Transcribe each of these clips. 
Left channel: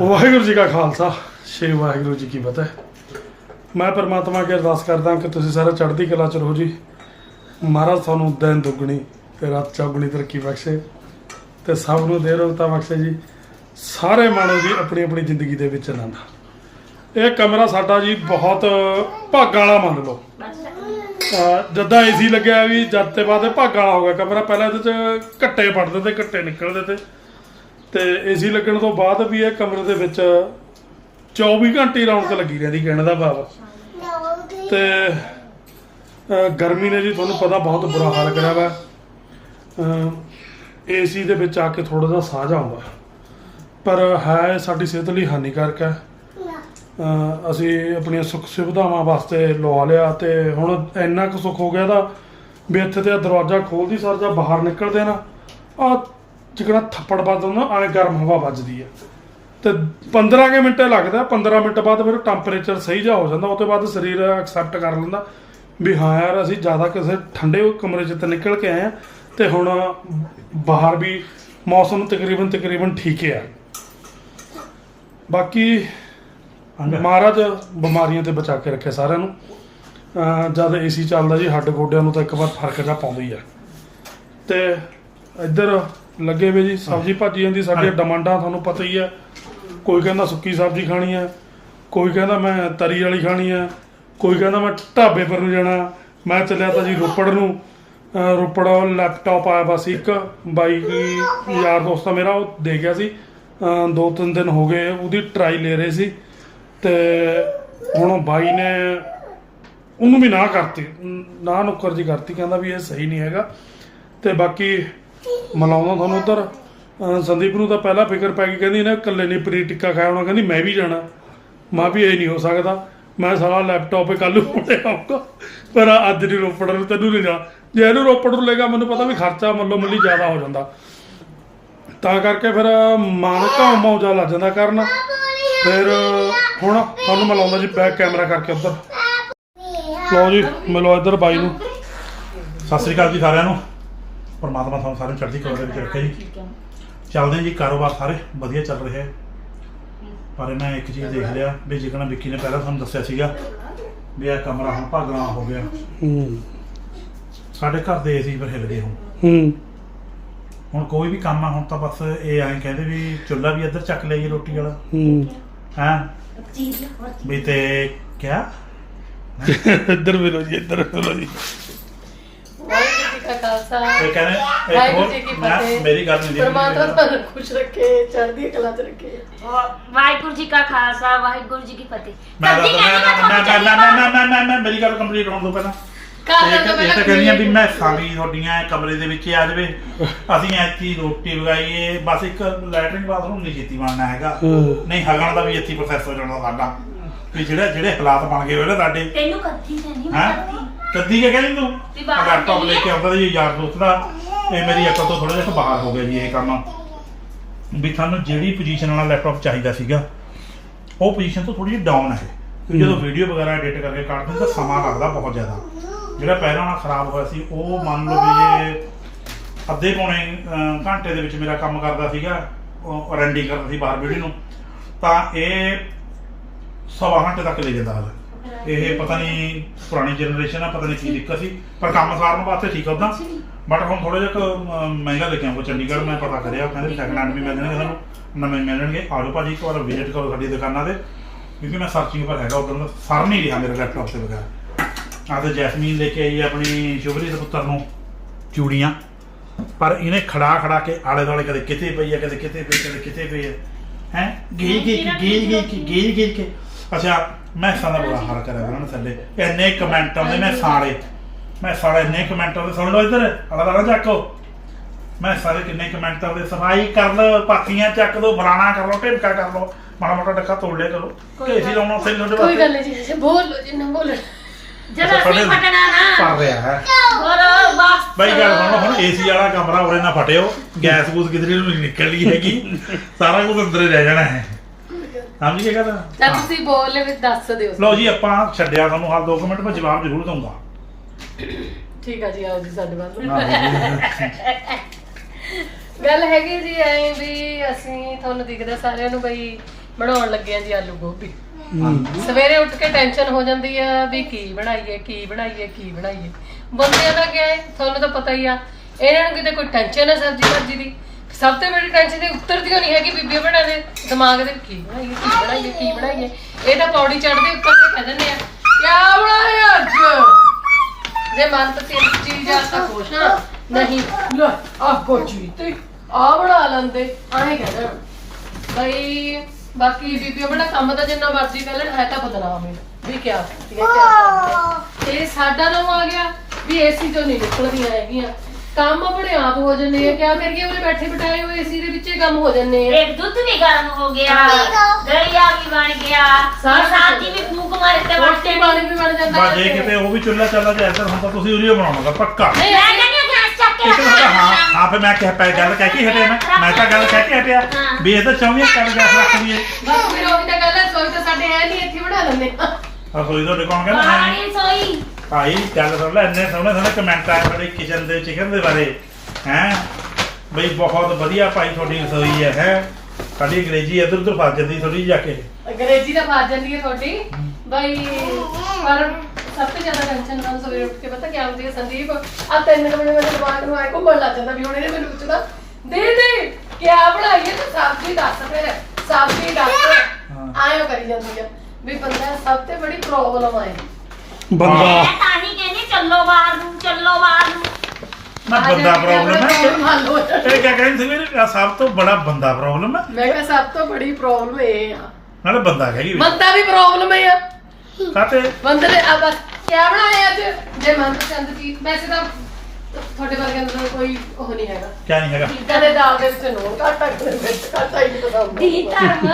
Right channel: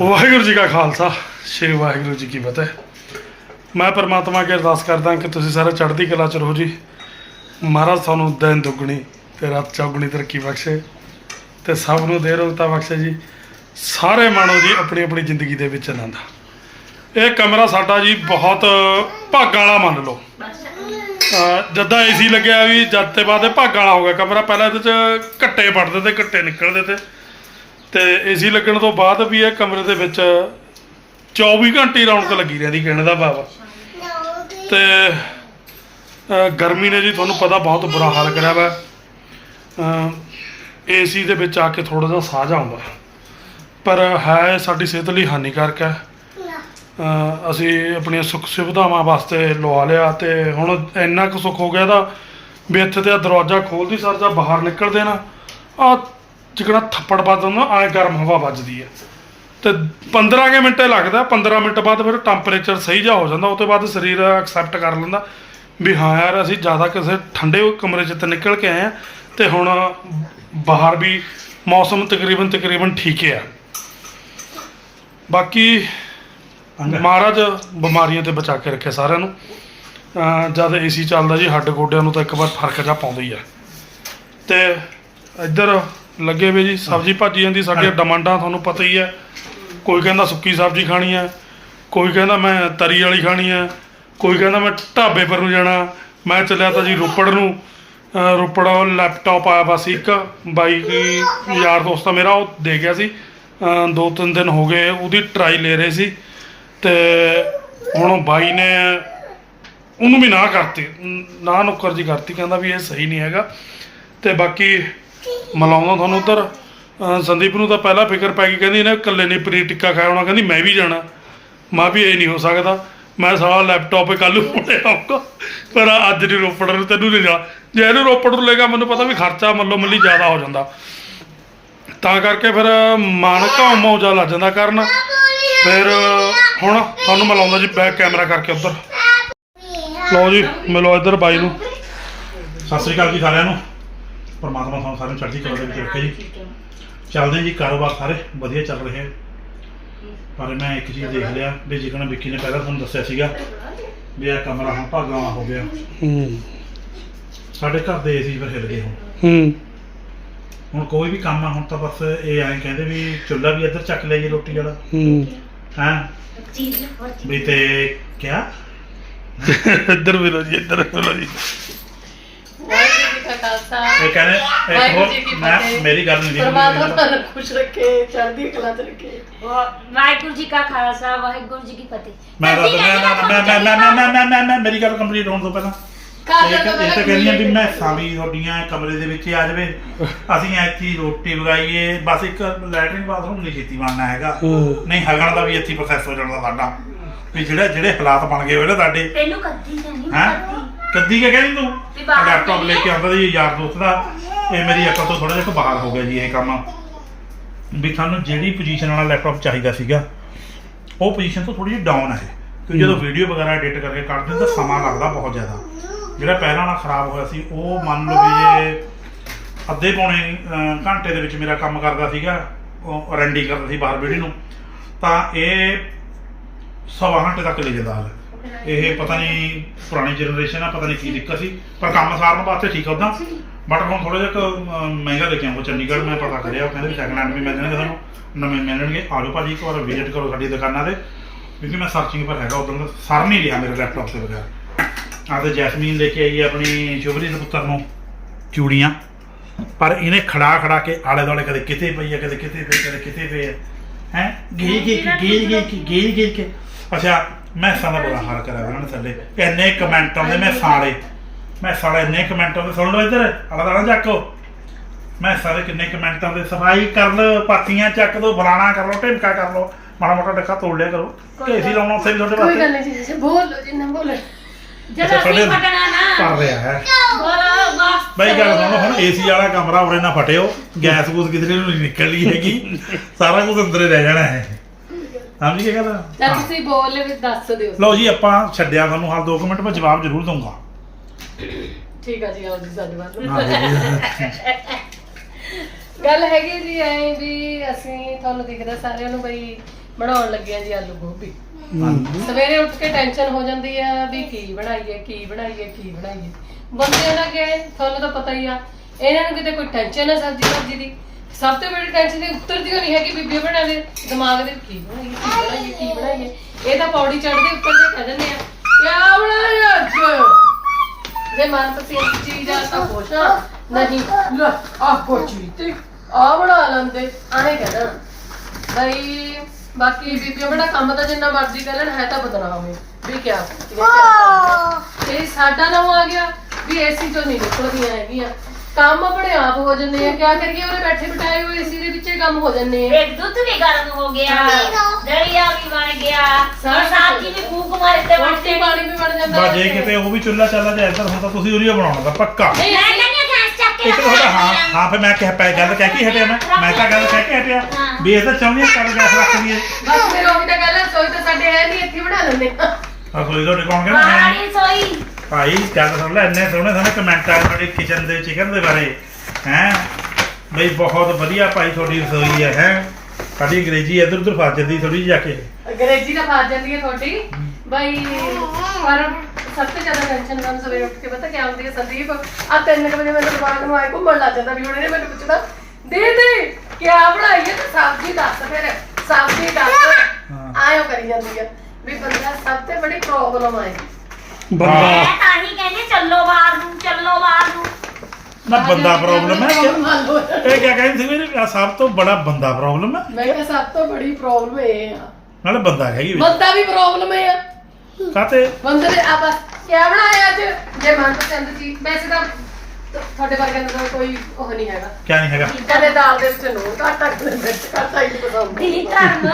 ਵਾਹਿਗੁਰੂ ਜੀ ਕਾ ਖਾਲਸਾ, ਸ੍ਰੀ ਵਾਹਿਗੁਰੂ ਜੀ ਕੀ ਫਤਿਹ। ਮੈਂ ਪਰਮਾਤਮਾ ਅੱਗੇ ਅਰਦਾਸ ਕਰਦਾ ਕਿ ਤੁਸੀਂ ਸਾਰੇ ਚੜ੍ਹਦੀ ਕਲਾ ਚ ਰਹੋ ਜੀ। ਮਹਾਰਾਜ ਤੁਹਾਨੂੰ ਦਿਨ ਦੁੱਗਣੀ ਤੇ ਰਾਤ ਚੌਗਣੀ ਤਰੱਕੀ ਬਖਸ਼ੇ ਤੇ ਸਭ ਨੂੰ ਦੇ ਰੋਗਤਾ ਬਖਸ਼ੇ ਜੀ। ਸਾਰੇ ਮਾਣੋ ਜੀ ਆਪਣੀ ਆਪਣੀ ਜ਼ਿੰਦਗੀ ਦੇ ਵਿੱਚ ਆਨੰਦ ਇਹ ਕਮਰਾ ਸਾਡਾ ਜੀ ਬਹੁਤ ਭਾਗਾਂ ਵਾਲਾ ਮੰਨ ਲਓ। ਅਹ ਜਦਾਂ ਏਸੀ ਲੱਗਿਆ ਵੀ ਜਦ ਤੇ ਬਾਅਦ ਇਹ ਭਾਗਾਂ ਵਾਲਾ ਹੋ ਗਿਆ। ਕਮਰਾ ਪਹਿਲਾਂ ਇਹਦੇ ਚ ਘੱਟੇ ਪੜਦੇ ਤੇ ਘੱਟੇ ਨਿਕਲਦੇ ਤੇ ਤੇ ਏਸੀ ਲੱਗਣ ਤੋਂ ਬਾਅਦ ਵੀ ਇਹ ਕਮਰੇ ਦੇ ਵਿੱਚ 24 ਘੰਟੇ ਰੌਣਕ ਲੱਗੀ ਰਹਿੰਦੀ, ਕਹਿਣ ਦਾ ਭਾਵ। ਤੇ ਗਰਮੀ ਨੇ ਜੀ ਤੁਹਾਨੂੰ ਪਤਾ ਬਹੁਤ ਬੁਰਾ ਹਾਲ ਕਰਿਆ ਵਾ। ਏਸੀ ਦੇ ਵਿੱਚ ਆ ਕੇ ਥੋੜਾ ਜਿਹਾ ਸਾਹ ਜਿਹਾ ਆਉਂਦਾ ਪਰ ਹੈ, ਸਾਡੀ ਸਿਹਤ ਲਈ ਹਾਨੀਕਾਰਕ ਹੈ। ਅਸੀਂ ਆਪਣੀਆਂ ਸੁੱਖ ਸੁਵਿਧਾਵਾਂ ਵਾਸਤੇ ਲਵਾ ਲਿਆ ਤੇ ਹੁਣ ਇੰਨਾ ਕੁ ਸੁੱਖ ਹੋ ਗਿਆ ਦਾ ਵੀ ਇੱਥੇ ਤੇ ਦਰਵਾਜ਼ਾ ਖੋਲਦੀ ਸਰ ਜਾਂ ਬਾਹਰ ਨਿਕਲਦੇ ਨਾ। ਆ ਜਿਕਣਾ ਥੱਪੜ ਵੱਜਦਾ ਨਾ ਐ ਗਰਮ ਹਵਾ ਵੱਜਦੀ ਹੈ। ਤੇ 15 ਕੇ ਮਿੰਟੇ ਲੱਗਦਾ 15 ਮਿੰਟ ਬਾਅਦ ਫਿਰ ਟੈਂਪਰੇਚਰ ਸਹੀ ਜਾ ਹੋ ਜਾਂਦਾ ਉਹ ਤੋਂ ਬਾਅਦ ਸਰੀਰ ਐਕਸੈਪਟ ਕਰ ਲੈਂਦਾ ਵੀ ਹਾਂ ਯਾਰ ਅਸੀਂ ਜ਼ਿਆਦਾ ਕਿਸੇ ਠੰਡੇ ਕਮਰੇ 'ਚ ਤੇ ਨਿਕਲ ਕੇ ਆਏ ਆ ਤੇ ਹੁਣ ਬਾਹਰ ਵੀ ਮੌਸਮ ਤਕਰੀਬਨ ਤਕਰੀਬਨ ਠੀਕ ਹੈ ਬਾਕੀ ਮਹਾਰਾਜ ਬਿਮਾਰੀਆਂ ਤੇ ਬਚਾ ਕੇ ਰੱਖੇ ਸਾਰਿਆਂ ਨੂੰ। ਜਦ ਏਸੀ ਚੱਲਦਾ ਜੀ ਹੱਡ ਗੋਡਿਆਂ ਨੂੰ ਤਾਂ ਇੱਕ ਵਾਰ ਫ਼ਰਕ ਜਾ ਪਾਉਂਦਾ ਹੀ ਆ। ਤੇ ਇੱਧਰ ਲੱਗੇ ਵੇ ਜੀ ਸਬਜ਼ੀ ਭਾਜੀਆਂ ਦੀ ਸਾਡੀਆਂ ਡਿਮਾਂਡਾਂ ਤੁਹਾਨੂੰ ਪਤਾ ਹੀ ਹੈ। ਕੋਈ ਕਹਿੰਦਾ ਸੁੱਕੀ ਸਬਜ਼ੀ ਖਾਣੀ ਹੈ ਕੋਈ ਕਹਿੰਦਾ ਮੈਂ ਤਰੀ ਵਾਲੀ ਖਾਣੀ ਹੈ ਕੋਈ ਕਹਿੰਦਾ ਮੈਂ ਢਾਬੇ ਪਰ ਨੂੰ ਜਾਣਾ ਮੈਂ ਚੱਲਿਆ ਤਾਂ ਜੀ ਰੋਪੜ ਨੂੰ। ਰੋਪੜ ਲੈਪਟਾਪ ਆਇਆ ਬਸ ਇੱਕ ਬਾਈ ਯਾਰ ਦੋਸਤ ਮੇਰਾ ਉਹ ਦੇ ਗਿਆ ਸੀ। ਦੋ ਤਿੰਨ ਦਿਨ ਹੋ ਗਏ ਉਹਦੀ ਟਰਾਈ ਲੈ ਰਹੇ ਸੀ। ਤੇ ਹੁਣ ਬਾਈ ਨੇ ਉਹਨੂੰ ਵੀ ਨਾ ਕਰਤੀ ਨਾ ਨੁੱਕਰ ਜੀ ਕਰਤੀ ਕਹਿੰਦਾ ਵੀ ਇਹ ਸਹੀ ਨਹੀਂ ਹੈਗਾ। ਤੇ ਬਾਕੀ ਮਿਲਾਉਂਦਾ ਤੁਹਾਨੂੰ ਉਧਰ। ਸੰਦੀਪ ਨੂੰ ਤਾਂ ਪਹਿਲਾਂ ਫਿਕਰ ਪੈ ਗਈ, ਕਹਿੰਦੀ ਇਹਨੇ ਇਕੱਲੇ ਨਹੀਂ ਪਨੀਰ ਟਿੱਕਾ ਖਾਇਆ ਹੋਣਾ, ਕਹਿੰਦੀ ਮੈਂ ਵੀ ਜਾਣਾ। ਮਾਂ ਵੀ ਇਹ ਨਹੀਂ ਹੋ ਸਕਦਾ। ਮੈਂ ਸਾਰਾ ਲੈਪਟਾਪ ਕੱਲ ਨੂੰ ਮੁੜੇ ਆਊਗਾ। ਪਰ ਅੱਜ ਨਹੀਂ ਰੋਪੜ ਨੂੰ ਤੈਨੂੰ ਨਹੀਂ ਜਾਣਾ ਜੇ ਇਹਨੂੰ ਰੋਪੜ ਨੂੰ ਲੈਗਾ ਮੈਨੂੰ ਪਤਾ ਵੀ ਖਰਚਾ ਮੱਲੋ ਮੱਲੀ ਜ਼ਿਆਦਾ ਹੋ ਜਾਂਦਾ। ਤਾਂ ਕਰਕੇ ਫਿਰ ਮਨ ਘਾਉ ਮੌਜਾ ਲੱਗ ਜਾਂਦਾ ਕਰਨ। ਫਿਰ ਹੁਣ ਤੁਹਾਨੂੰ ਮਿਲਾਉਂਦਾ ਜੀ ਬੈਕ ਕੈਮਰਾ ਕਰਕੇ ਉੱਧਰ। ਲਓ ਜੀ, ਮਿਲੋ ਇੱਧਰ ਬਾਈ ਨੂੰ। ਸਤਿ ਸ੍ਰੀ ਅਕਾਲ ਜੀ ਸਾਰਿਆਂ ਨੂੰ। ਪਰਮਾਤਮਾ ਤੁਹਾਨੂੰ ਸਾਰਿਆਂ ਨੂੰ ਚੜ੍ਹਦੀ ਕਲਾ ਦੇ ਵਿੱਚ ਰੱਖੇ ਜੀ। ਚੱਲਦੇ ਹਾਂ। ਜੀ ਕਾਰੋਬਾਰ ਸਾਰੇ ਵਧੀਆ ਚੱਲ ਰਿਹਾ ਹੈ ਪਰ ਮੈਂ ਇੱਕ ਚੀਜ਼ ਦੇਖ ਲਿਆ ਵੀ ਜਿਕਣਾ ਵਿੱਕੀ ਨੇ ਪਹਿਲਾਂ ਤੁਹਾਨੂੰ ਦੱਸਿਆ ਸੀਗਾ ਵੀ ਇਹ ਕਮਰਾ ਹੁਣ ਭਾਗਾਂ ਹੋ ਗਿਆ। ਹੂੰ ਸਾਡੇ ਘਰ ਦੇ ਏਸੀ ਪਰ ਹਿੱਲ ਗਏ ਹੁਣ। ਹੂੰ ਹੁਣ ਕੋਈ ਵੀ ਕੰਮ ਆ ਹੁਣ ਤਾਂ ਬਸ ਇਹ ਐਂ ਕਹਿੰਦੇ ਵੀ ਚੁੱਲ੍ਹਾ ਵੀ ਇੱਧਰ ਚੱਕ ਲਿਆ ਜੀ ਰੋਟੀ ਵਾਲਾ। ਹੂੰ? ਹਾਂ ਵੀ ਤੇ ਕਿਆ? ਇੱਧਰ ਮਿਲੋ ਜੀ ਇੱਧਰ ਮਿਲੋ ਜੀ। ਕਾ ਖਾਲਸਾ। ਇਹ ਕਹਿੰਦੇ ਇੱਕ ਵਾਹਿਗੁਰੂ ਜੀ ਕੀ ਹੋਰ ਮੈਂ ਫਤਿਹ। ਮੇਰੀ ਗੱਲ ਨਹੀਂ ਪਰਮਾਤਮਾ ਤੁਹਾਨੂੰ ਖੁਸ਼ ਰੱਖੇ ਚੜ੍ਹਦੀ ਕਲਾ ਚ ਰੱਖੇ। ਵਾਹਿਗੁਰੂ ਜੀ ਕਾ ਖਾਲਸਾ ਵਾਹਿਗੁਰੂ ਜੀ ਕੀ ਫਤਿਹ। ਮੈਂ ਜਲਦੀ ਮੈਂ ਮੈਂ ਮੈਂ ਮੈਂ ਮੈਂ ਮੈਂ ਮੈਂ ਮੇਰੀ ਗੱਲ ਕੰਪਲੀਟ ਹੋਣ ਤੋਂ ਪਹਿਲਾਂ। ਇਹ ਤਾਂ- ਇਹ ਤਾਂ ਕਹਿੰਦੀਆਂ ਵੀ ਮੈਸਾਂ ਵੀ ਤੁਹਾਡੀਆਂ ਕਮਰੇ ਦੇ ਵਿੱਚ ਹੀ ਆ ਜਾਵੇ। ਅਸੀਂ ਐਤੀ ਰੋਟੀ ਵਗਾਈਏ। ਬਸ ਇੱਕ ਲੈਟਰਿੰਗ ਬਾਥਰੂਮ ਨਹੀਂ ਛੇਤੀ ਬਣਨਾ ਹੈਗਾ। ਹੂੰ। ਨਹੀਂ ਹਗਣ ਦਾ ਵੀ ਇੱਥੇ ਪ੍ਰੋਸੈਸ ਹੋ ਜਾਣਾ ਸਾਡਾ। ਵੀ ਜਿਹੜਾ ਜਿਹੜੇ ਹਾਲਾਤ ਬਣ ਗਏ ਹੋਏ ਨੇ ਸਾਡੇ। ਤੈਨੂੰ ਕੱਦੀ ਨਹੀਂ ਹੈਂ? ਕੱਦੀ ਕੇ ਕਹਿੰਦੀ ਤੂੰ ਵੀ ਬਾਹਰ ਲੈਪਟਾਪ ਲੈ ਕੇ ਆਉਂਦਾ ਜੀ ਯਾਰ ਦੋਸਤ ਦਾ। ਇਹ ਮੇਰੀ ਅਕਲ ਤੋਂ ਥੋੜਾ ਜਿਹਾ ਬਾਹਰ ਹੋ ਗਿਆ ਜੀ ਇਹ ਕੰਮ। ਵੀ ਤੁਹਾਨੂੰ ਜਿਹੜੀ ਪੋਜੀਸ਼ਨ ਵਾਲਾ ਲੈਪਟਾਪ ਚਾਹੀਦਾ ਸੀਗਾ ਉਹ ਪੋਜੀਸ਼ਨ ਤੋਂ ਥੋੜੀ ਜਿਹੀ ਡਾਊਨ ਹੈ ਕਿਉਂਕਿ ਜਦੋਂ ਵੀਡੀਓ ਵਗੈਰਾ ਐਡਿਟ ਕਰਕੇ ਕੱਢਦੇ ਹਾਂ ਤਾਂ ਸਮਾਂ ਲੱਗਦਾ ਬਹੁਤ ਜ਼ਿਆਦਾ। ਜਿਹੜਾ ਪਹਿਲਾਂ ਵਾਲਾ ਖਰਾਬ ਹੋਇਆ ਸੀ ਉਹ ਮੰਨ ਲਓ ਵੀ ਇਹ ਅੱਧੇ ਪੌਣੇ ਅਹ, ਘੰਟੇ ਦੇ ਵਿੱਚ ਮੇਰਾ ਕੰਮ ਕਰਦਾ ਸੀਗਾ ਉਹ ਰੈਂਡਿੰਗ ਕਰਦਾ ਸੀ ਬਾਹਰ ਵੀਡੀਓ ਨੂੰ ਤਾਂ ਇਹ ਸਵਾ ਘੰਟੇ ਤੱਕ ਲੈ ਜਾਂਦਾ ਹਾਲ ਇਹ ਪਤਾ ਨਹੀਂ ਪੁਰਾਣੀ ਜਨਰੇਸ਼ਨ ਆ ਪਤਾ ਨਹੀਂ ਕੀ ਦਿੱਕਤ ਸੀ ਪਰ ਕੰਮ ਸਾਰਨ ਵਾਸਤੇ ਠੀਕ ਆ ਉਦਾਂ ਬਟ ਹੁਣ ਥੋੜਾ ਜਿਹਾ ਕੁ, ਅਮ, ਮਹਿੰਗਾ ਲੈ ਕੇ ਆਉਂਗਾ ਚੰਡੀਗੜ੍ਹ ਮੈਂ ਪਤਾ ਕਰਿਆ ਉਹ ਕਹਿੰਦੇ ਵੀ ਸੈਕੰਡ ਹੈਂਡ ਵੀ ਮਿਲਣਗੇ ਤੁਹਾਨੂੰ ਨਵੇਂ ਮਿਲਣਗੇ ਆਜੋ ਭਾਜੀ ਇੱਕ ਵਾਰ ਵਿਜ਼ਿਟ ਕਰੋ ਸਾਡੀ ਦੁਕਾਨਾਂ ਤੇ ਕਿਉਂਕਿ ਮੈਂ ਸਰਚਿੰਗ ਪਰ ਹੈਗਾ ਉਦੋਂ ਦਾ ਸਰ ਨਹੀਂ ਰਿਹਾ ਮੇਰੇ ਲੈਪਟਾਪ ਤੇ ਬਗੈਰ। ਆ ਤੇ ਜੈਸਮੀਨ ਲੈ ਕੇ ਆਈ ਹੈ ਆਪਣੀ ਸ਼ੁਭਰੀ ਦੇ ਪੁੱਤਰ ਨੂੰ ਚੂੜੀਆਂ। ਪਰ ਇਹਨੇ ਖੜਾ ਖੜਾ ਕੇ ਆਲੇ ਦੁਆਲੇ ਕਦੇ ਕਿਤੇ ਪਈ ਹੈ ਕਦੇ ਕਿਤੇ ਪਈ ਕਦੇ ਕਿਤੇ ਪਈ ਹੈ ਹੈ? ਗੀ ਗੀ ਗੀ ਗੀ ਗੀ ਗੀ ਕੇ। ਅੱਛਾ ਮੈਂ ਸਾਡਾ ਬੁਰਾ ਹਾਲ ਕਰਿਆ ਉਹਨਾਂ ਨੇ ਥੱਲੇ। ਇੰਨੇ ਕਮੈਂਟ ਆਉਂਦੇ ਮੈਂ ਸਾਰੇ ਮੈਂ ਸਾਲੇ ਇੰਨੇ ਕਮੈਂਟ ਆਉਂਦੇ ਸੁਣ ਲਓ ਇੱਧਰ ਆਲਾ ਦਾਲਾ ਚੱਕੋ ਮੈਂ ਸਾਰੇ ਕਿੰਨੇ ਕਮੈਂਟ ਆਉਂਦੇ ਸਫ਼ਾਈ ਕਰ ਲਓ ਪਾਥੀਆਂ ਚੱਕ ਦੋ ਫਲਾਣਾ ਕਰ ਲਓ ਢਿੰਕਾ ਕਰ ਲਓ ਮਾੜਾ ਮੋਟਾ ਡੱਕਾ ਤੋੜ ਲਿਆ ਕਰੋ। ਕਿ ਅਸੀਂ ਲਾਉਣਾ ਉੱਥੇ ਤੁਹਾਡੇ ਕੋਈ ਗੱਲ ਨਹੀਂ ਜੀ ਬੋਲੋ ਜਿੰਨਾ ਬੋਲੋ ਅਸੀਂ ਤੁਹਾਡੇ- ਫਟਣਾ ਨਾ। ਕਰ ਰਿਹਾ ਹੈ। ਬੋਲੋ ਬਸ। ਬਾਈ ਗੱਲ ਸੁਣੋ ਹੁਣ ਏਸੀ ਵਾਲਾ ਕਮਰਾ ਉਰੇ ਨਾ ਫਟਿਓ ਗੈਸ ਗੂਸ ਕਿਧਰੇ ਨੂੰ ਨਹੀਂ ਨਿਕਲਣੀ ਹੈਗੀ। ਸਾਰਾ ਕੁਝ ਅੰਦਰੇ ਰਹਿ ਜਾਣਾ ਹੈ। ਸਮਝ ਗਏ ਗੱਲ ਜਦ ਤੁਸੀਂ ਬੋਲ ਵੀ ਦੱਸ ਦਿਓ। ਲਓ ਜੀ ਆਪਾਂ ਛੱਡਿਆ ਤੁਹਾਨੂੰ ਹਾਲ 2 ਮਿੰਟ ਮੈਂ ਜਵਾਬ ਜ਼ਰੂਰ ਦਊਂਗਾ। ਠੀਕ ਆ ਜੀ ਆਓ ਜੀ ਸਾਡੇ ਵੱਲ। ਗੱਲ ਹੈਗੀ ਜੀ ਐ ਵੀ ਅਸੀਂ ਤੁਹਾਨੂੰ ਦਿਖਦਾ ਸਾਰਿਆਂ ਨੂੰ ਬਈ ਬਣਾਉਣ ਲੱਗੇ ਆ ਜੀ ਆਲੂ ਗੋਭੀ। ਸਵੇਰੇ ਉੱਠ ਕੇ ਟੈਨਸ਼ਨ ਹੋ ਜਾਂਦੀ ਆ ਵੀ ਕੀ ਬਣਾਈਏ ਕੀ ਬਣਾਈਏ ਕੀ ਬਣਾਈਏ। ਬੰਦਿਆਂ ਦਾ ਕਿ ਤੁਹਾਨੂੰ ਤਾਂ ਪਤਾ ਹੀ ਆ। ਇਹਨਾਂ ਨੂੰ ਕਿਤੇ ਕੋਈ ਟੈਨਸ਼ਨ ਹੈ ਸਬਜ਼ੀ ਸਬਜ਼ੀ ਦੀ। ਸਭ ਤੋਂ ਵੱਡੀ ਟੈਨਸ਼ਨ ਇਹ ਉੱਤਰਦੀ ਨਹੀਂ ਹੈਗੀ ਬੀਬੀ ਬਣਾ ਦੇ ਦਿਮਾਗ ਦੇ ਕੀ ਬਣਾਈਏ ਕੀ ਬਣਾਈਏ ਕੀ ਬਣਾਈਏ? ਇਹ ਤਾਂ ਪੌੜੀ ਚੜ੍ਹਦੇ ਉੱਪਰ ਤੇ ਕਹਿ ਦਿੰਦੇ ਆ ਕਿਆ ਬਣਾਇਆ ਅੱਜ? ਜੇ ਮਨ ਤਾਂ ਤੇਰੀ ਚੀਜ਼ ਆ ਤਾਂ ਖੁਸ਼ ਨਹੀਂ ਲੈ ਆਹ ਕੋ ਚੀਜ਼ ਤੇ ਆ ਬਣਾ ਲੈਂਦੇ। ਆਹੇ ਕਹਿਣਾ ਬਈ ਬਾਕੀ ਬੀਬੀਆਂ ਬੜਾ ਕੰਮ ਤਾਂ ਜਿੰਨਾ ਮਰਜ਼ੀ ਕਰ ਲੈਣ ਹੈ ਤਾਂ ਬਦਨਾਮ ਹੈ ਵੀ ਕਿਆ ਕਰਦੀ ਹੈ, ਕਿਆ ਕਰਦੀ ਹੈ। ਇਹ ਸਾਡਾ ਨਾਮ ਆ ਗਿਆ ਵੀ ਏਸੀ ਤੋਂ ਨਹੀਂ ਨਿਕਲਦੀਆਂ ਹੈਗੀਆਂ। ਕੰਮ ਆਪਣੇ ਆਪ ਹੋ ਜਾਂਦੇ ਆ ਕਿਆ ਕਰੀਏ ਉਹਨੇ ਬੈਠੇ ਬਿਠਾਏ ਹੋਏ ਏਸੀ ਦੇ ਵਿੱਚ ਹੀ ਕੰਮ ਹੋ ਜਾਂਦੇ ਆ। ਇੱਕ ਦੁੱਧ ਵੀ ਗਰਮ ਹੋ ਗਿਆ ਦਰਿਆ ਵੀ ਬਣ ਗਿਆ ਸਾਰਾ ਸਾਡੀ ਵੀ ਫੂਕ ਮਾਰੇ ਤੇ ਰੋਟੀ ਬਣਦੇ ਪਾਣੀ ਵੀ ਬਣ ਜਾਂਦਾ ਬਾ ਜੇ ਹੈ ਕਿਤੇ ਉਹ ਵੀ ਚੁੱਲ੍ਹਾ ਚੱਲਦਾ ਜਾਏ ਤਾਂ ਹੁਣ ਤਾਂ ਤੁਸੀਂ ਉਹਦੀ ਬਣਾਉਣਾ ਪੱਕਾ। ਨਹੀਂ ਹਾਂ ਇੱਕ ਤਾਂ ਹਾਂ ਹਾਂ ਫਿਰ ਮੈਂ ਕਿਹਾ ਪੈ ਗੱਲ ਕਹਿ ਕੇ ਹਟਿਆ ਮੈਂ ਮੈਂ ਤਾਂ ਗੱਲ ਕਹਿ ਕੇ ਹਟਿਆ। ਵੀ ਇਹ ਤਾਂ ਚਾਹੁੰਦੀ ਕਰ ਗੈਸ ਰੱਖ ਦਈਏ ਬਸ ਫਿਰ ਉਹ ਤਾਂ ਗੱਲ ਹੈ ਸੋਈ ਤਾਂ ਸਾਡੇ ਹੈ ਨਹੀਂ ਇੱਥੇ ਬਣਾ ਲੈਂਦੇ ਆ ਰਸੋਈ ਤੁਹਾਡੇ ਕੋਲ ਕਹਿੰਦਾ ਬਾਹਰੀ ਸੋਈ ਭਾਈ ਗੱਲ ਸੁਣ ਲੈ ਇੰਨੇ ਸੋਹਣੇ ਸੋਹਣੇ ਕਮੈਂਟ ਆਏ ਤੁਹਾਡੇ ਕਿਚਨ ਦੇ ਚਿਕਨ ਦੇ ਬਾਰੇ। ਹੈ? ਬਈ ਬਹੁਤ ਵਧੀਆ ਭਾਈ ਤੁਹਾਡੀ ਰਸੋਈ ਹੈ ਹੈ? ਸਾਡੀ ਅੰਗਰੇਜ਼ੀ ਇੱਧਰ ਉੱਧਰ ਫਸ ਜਾਂਦੀ ਥੋੜੀ ਜਿਹੀ ਜਾ ਕੇ। ਅੰਗਰੇਜ਼ੀ ਤਾਂ ਫਸ ਜਾਂਦੀ ਹੈ ਤੁਹਾਡੀ। ਬਈ ਪਰ ਸਭ ਤੋਂ ਜ਼ਿਆਦਾ ਟੈਨਸ਼ਨ ਸਾਨੂੰ ਸਵੇਰੇ ਉੱਠ ਕੇ ਪਤਾ ਕੀ ਹੁੰਦੀ ਹੈ ਸੰਦੀਪ? ਆ 3 ਵਜੇ ਮੇਰੇ ਦਿਮਾਗ ਨੂੰ ਆਏ ਘੁੰਮਣ ਲੱਗ ਜਾਂਦਾ ਵੀ ਹੁਣ ਇਹਨੇ ਮੈਨੂੰ ਪੁੱਛਣਾ ਦੀਦੀ ਕੀ ਬਣਾਈਏ ਤੇ ਸਬਜ਼ੀ ਦੱਸ ਫਿਰ ਸਬਜ਼ੀ ਦੱਸ। ਹਾਂ। ਆਇਓ ਕਰੀ ਜਾਂਦੀ ਆ ਵੀ ਬੰਦਾ ਸਭ ਤੋਂ ਬੜੀ ਪ੍ਰੋਬਲਮ ਆਏ ਬੰਦਾ। ਮੈਂ ਤਾਂ ਹੀ ਕਹਿੰਦੀ ਚੱਲੋ ਬਾਹਰ ਨੂੰ ਚੱਲੋ ਬਾਹਰ ਨੂੰ। ਨਾ ਬੰਦਾ ਪ੍ਰੋਬਲਮ ਹੈ ਹੋ ਜਾਣੀ। ਇਹ ਕਿਆ ਕਹਿੰਦੇ ਸੀ ਵੀ ਆਹ ਸਭ ਤੋਂ ਬੜਾ ਬੰਦਾ ਪ੍ਰੋਬਲਮ ਹੈ। ਮੈਂ ਕਿਹਾ ਸਭ ਤੋਂ ਬੜੀ ਪ੍ਰੋਬਲਮ ਇਹ ਆ। ਨਾਲੇ ਬੰਦਾ ਹੈਗੀ ਬੰਦਾ ਵੀ ਪ੍ਰੋਬਲਮ ਹੈ। ਆ ਕਾਤੇ ਬੰਦੇ ਨੇ ਆ ਬਸ ਕੀ ਬਣਾਇਆ ਅੱਜ? ਜੇ ਮਨਪਸੰਦ ਚੀਜ਼ ਵੈਸੇ ਤਾਂ ਤੁਹਾਡੇ ਵਰਗੇ ਦਾ ਕੋਈ ਉਹ ਨਹੀਂ ਹੈਗਾ। ਕਿਆ ਨਹੀਂ ਹੈਗਾ। ਕਦੇ ਦਾਲ ਦੇ ਵਿੱਚ ਨੂਨ ਘੱਟ ਕਦੇ ਮਿਰਚ ਘੱਟ ਆਈ ਪਸੰਦ ਦੀ ਧਰਮ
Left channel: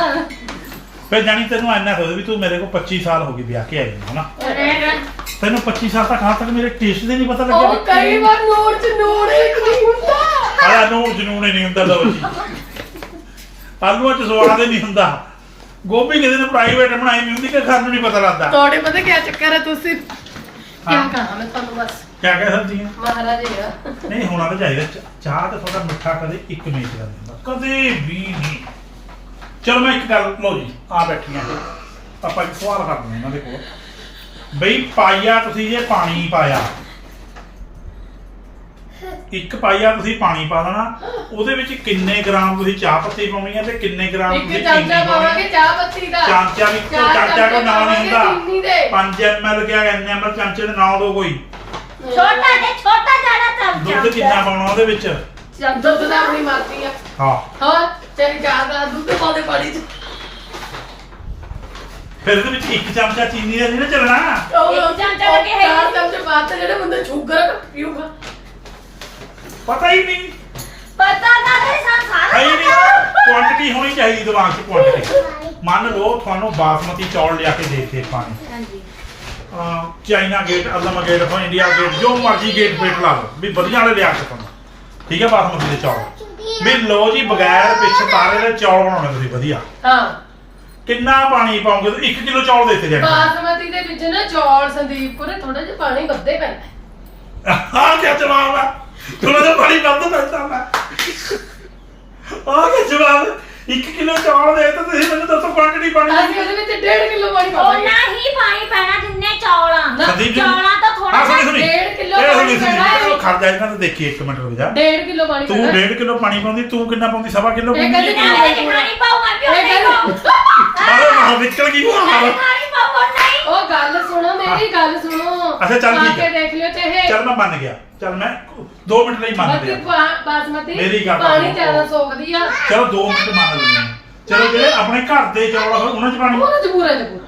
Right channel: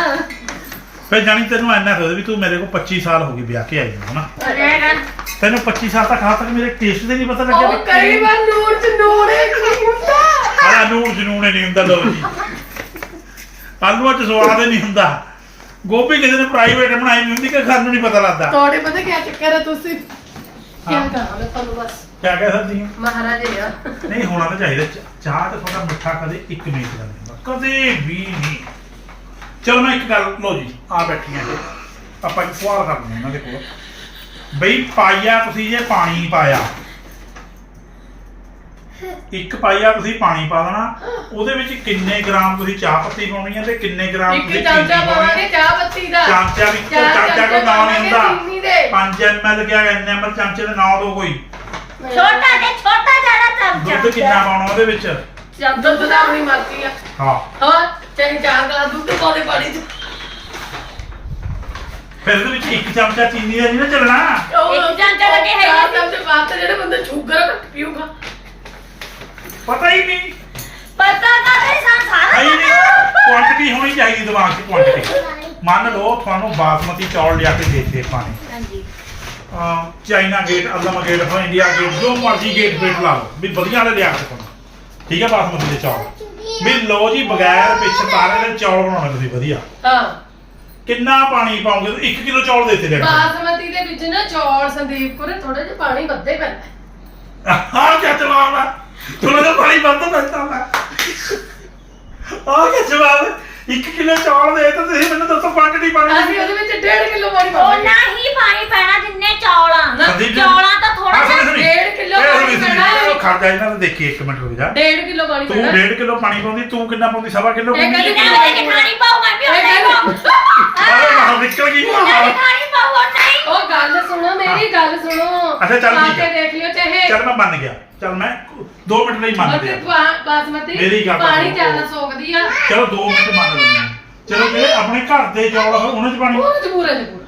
ਫਿਰ ਜਾਣੀ ਤੈਨੂੰ ਇੰਨਾ ਹੋਇਆ ਵੀ ਤੂੰ ਮੇਰੇ ਕੋਲ 25 ਸਾਲ ਹੋ ਗਏ ਵਿਆਹ ਕੇ ਆਈ ਨੂੰ ਹਨਾ? ਤੈਨੂੰ 25 ਸਾਲ ਤੱਕ ਹਾਲ ਤੱਕ ਮੇਰੇ ਟੇਸਟ ਦੇ ਨਹੀਂ ਪਤਾ ਲੱਗਿਆ ਉਹ ਕਈ ਵਾਰ ਨੂਨ ਚ ਹੀ ਨਹੀਂ ਹੁੰਦਾ। ਆਲਾ ਨੂਣ ਜਨੂਨ ਹੀ ਨਹੀਂ ਹੁੰਦਾ ਲੋ ਜੀ। ਆਲੂਆਂ ਚ ਸਵਾਦ ਹੀ ਨਹੀਂ ਹੁੰਦਾ। ਗੋਭੀ ਕਿਸੇ ਨੇ ਪ੍ਰਾਈਵੇਟ ਬਣਾਈ ਨਹੀਂ ਹੁੰਦੀ ਕਿ ਖਾਣ ਨੂੰ ਨਹੀਂ ਪਤਾ ਲੱਗਦਾ। ਤੁਹਾਡੇ ਪਤਾ ਕੀ ਚੱਕਰ ਹੈ ਤੁਸੀਂ? ਕੀ ਹਾਂ। ਕਹਾਂ ਮੈਂ ਤੁਹਾਨੂੰ ਬਸ? ਕਿਆ ਕਹਿ ਸਕਦੀ ਹੈ ਮਹਾਰਾਜੇ ਆ ਨਹੀਂ ਹੋਣਾ ਤਾਂ ਚਾਹੀਦਾ। ਚਾਹ ਤੇ ਥੋੜਾ ਮਿੱਠਾ ਕਦੇ ਇੱਕ ਮਿੰਟ ਦਾ ਕਦੇ ਵੀ ਨਹੀਂ। ਚਲੋ ਮੈਂ ਇੱਕ ਗੱਲ ਲਓ ਜੀ ਆ ਬੈਠੀਆਂ ਜੀ ਆਪਾਂ ਇੱਕ ਸਵਾਲ ਕਰਦੇ ਹਾਂ ਇਹਨਾਂ ਦੇ ਕੋਲ। ਬਈ ਪਾਈਆ ਤੁਸੀਂ ਜੇ ਪਾਣੀ ਪਾਇਆ ਇੱਕ ਪਾਈਆ ਤੁਸੀਂ ਪਾਣੀ ਪਾ ਦੇਣਾ ਉਹਦੇ ਵਿੱਚ ਕਿੰਨੇ ਗ੍ਰਾਮ ਤੁਸੀਂ ਚਾਹ ਪੱਤੀ ਪਾਉਣੀ ਹੈ ਤੇ ਕਿੰਨੇ ਗ੍ਰਾਮ ਇੱਕ ਤੁਸੀਂ ਚਮਚਾ ਚੀਨੀ ਪਾਵਾਂਗੇ ਪਾਉਣੀ ਚਾਹ ਪੱਤੀ ਦਾ। ਚਮਚਾ ਵੀ ਚਾਰ ਚਮਚਾ ਕੋ ਨਾਮ ਨਹੀਂ ਪਾਵਾਂਗੇ ਚੀਨੀ ਦੇ। ਹੁੰਦਾ 5 ml ਕਿਹਾ ਇੰਨੇ ml ਚਮਚੇ ਦੇ ਨਾਂ ਦੋ ਕੋਈ। ਛੋਟਾ ਤੇ ਛੋਟਾ ਜ਼ਿਆਦਾ ਚਮਚਾ ਦੁੱਧ ਕਿੰਨਾ ਪਾਉਣਾ ਉਹਦੇ ਵਿੱਚ? ਦੁੱਧ ਦਾ ਆਪਣੀ ਮਰਜ਼ੀ ਆ। ਹਾਂ। ਹਾਂ ਚਾਹੇ ਚਾਰ ਗਲਾਸ ਦੁੱਧ ਪਾ ਦੇ ਪਾਣੀ ਚ। ਫਿਰ ਉਹਦੇ ਵਿੱਚ ਇੱਕ ਚਮਚਾ ਚੀਨੀ ਦਾ ਨਹੀਂ ਨਾ ਚੱਲਣਾ? ਉਹ- ਇੱਕ ਚਮਚਾ ਲੱਗੇ ਹੈ ਹੀ ਚਾਰ ਚਮਚੇ ਪਾਤੇ ਜਿਹੜੇ ਬੰਦੇ ਸ਼ੂਗਰ ਪੀਊਗਾ। ਪਤਾ ਹੀ ਨਹੀਂ। ਪਤਾ ਕਰੇ ਸਾਂ ਸਾਰਾ ਆਈ ਨਹੀਂ ਪਤਾ। ਕੁਆਂਟੀਟੀ ਹੋਣੀ ਚਾਹੀਦੀ ਦਿਮਾਗ 'ਚ ਕੁਆਂਟੀਟੀ ਮੰਨ ਲਓ ਤੁਹਾਨੂੰ ਬਾਸਮਤੀ ਚੌਲ ਲਿਆ ਕੇ ਦੇ ਦੇ ਪਾਣੀ ਹਾਂਜੀ। ਚਾਈਨਾ ਗੇਟ ਅਲਮ ਗੇਟ ਹੋ ਇੰਡੀਆ ਗੇਟ ਜੋ ਮਰਜ਼ੀ ਗੇਟ ਵੇਟ ਲਾ ਲਓ। ਵੀ ਵਧੀਆ ਵਾਲੇ ਲਿਆ ਕੇ ਤੁਹਾਨੂੰ ਠੀਕ ਹੈ ਬਾਸਮਤੀ ਦੇ ਚੌਲ। ਵੀ ਲਓ ਜੀ ਬਗੈਰ ਪਿੱਛ ਤਾਰੇ ਦੇ ਚੌਲ ਬਣਾਉਣੇ ਤੁਸੀਂ ਵਧੀਆ। ਹਾਂ। ਕਿੰਨਾ ਪਾਣੀ ਪਾਉਂਗੇ ਤੁਸੀਂ? 1 ਕਿਲੋ ਚੌਲ ਦੇਤੇ ਜਾਣੇ ਬਾਸਮਤੀ ਦੇ ਵਿੱਚ ਨਾ ਚੌਲ ਸੰਦੀਪ ਕੋਲੇ ਥੋੜਾ ਜਿਹਾ ਪਾਣੀ ਵੱਧੇ ਪੈਂਦਾ ਹੈ। ਆਹ ਕੀ ਜਵਾਬ ਆ ਥੋੜਾ ਜਿਹਾ ਪਾਣੀ ਵੱਧ ਪੈਂਦਾ ਮੈਂ ਆਹ ਕੀ ਜਵਾਬ 1 ਕਿਲੋ ਚੌਲ ਦੇ ਤਾਂ ਤੁਸੀਂ ਮੈਨੂੰ ਦੱਸੋ ਕੁਆਂਟੀਟੀ ਪਾਣੀ। ਦੀ। ਅਸੀਂ ਉਹਦੇ ਵਿੱਚ 1.5 ਕਿਲੋ ਪਾਣੀ ਪਾਵਾਂਗੇ ਹੀ ਪਾਣੀ ਪੈਣਾ ਜਿੰਨੇ ਚੌਲਾਂ ਸੰਦੀਪ ਜੀ- ਚੌਲਾਂ ਤਾਂ ਥੋੜਾ ਜਿਹਾ ਇਹ ਸੁਣੀ, ਪਾਣੀ ਸੁਣੀ, ਪੈਣਾ ਹੈ। ਉਹ ਖੜ ਜਾ ਇਹਨਾਂ ਨੂੰ ਦੇਖੀ ਇੱਕ ਮਿੰਟ ਰੁਕ ਜਾ। 1.5 ਕਿਲੋ ਪਾਣੀ ਤੂੰ ਪੈਣਾ 1.5 ਕਿਲੋ ਪਾਣੀ ਪਾਉਂਦੀ ਤੂੰ ਕਿੰਨਾ ਪਾਉਂਦੀ ਸਵਾ ਕਿਲੋ ਇਹ ਪਾਉਂਦੀ? ਕਹਿੰਦੀ ਜਿੰਨਾ ਉਹਦੇ ਖਾਣੀ ਪਾਉ ਮੈਂ ਵੀ ਪਾਉ ਅਰੇ ਨਾ ਨਿਕਲ ਗਈ ਦੀ ਖਾਣੀ ਪਾਉ ਉਹਨਾਂ ਹੀ ਉਹ ਗੱਲ ਸੁਣੋ ਮੇਰੀ ਗੱਲ ਸੁਣੋ। ਅੱਛਾ, ਚੱਲ ਪਾ ਠੀਕ ਕੇ ਹੈ। ਦੇਖ ਲਿਓ ਚਾਹੇ। ਚਲ ਮੈਂ ਮੰਨ ਗਿਆ। ਚਲ ਮੈਂ 2 ਮਿੰਟ ਲਈ ਮੰਨ ਮਤੀ ਗਿਆ। ਬਾਸਮਤੀ ਮੇਰੀ ਗੱਲ ਪਾਣੀ ਸੁਣੋ। ਜ਼ਿਆਦਾ ਸੋਖਦੀ ਆ। ਚਲੋ 2 ਮਿੰਟ ਮੰਨ ਲੈਂਦੇ ਹਾਂ। ਚਲੋ ਜਿਹੜੇ ਆਪਣੇ ਘਰ ਦੇ ਚੌਲ ਉਹਨਾਂ 'ਚ ਪਾਣੀ? ਉਹ ਮਜਬੂਰ ਹੈ ਜਬੂਰ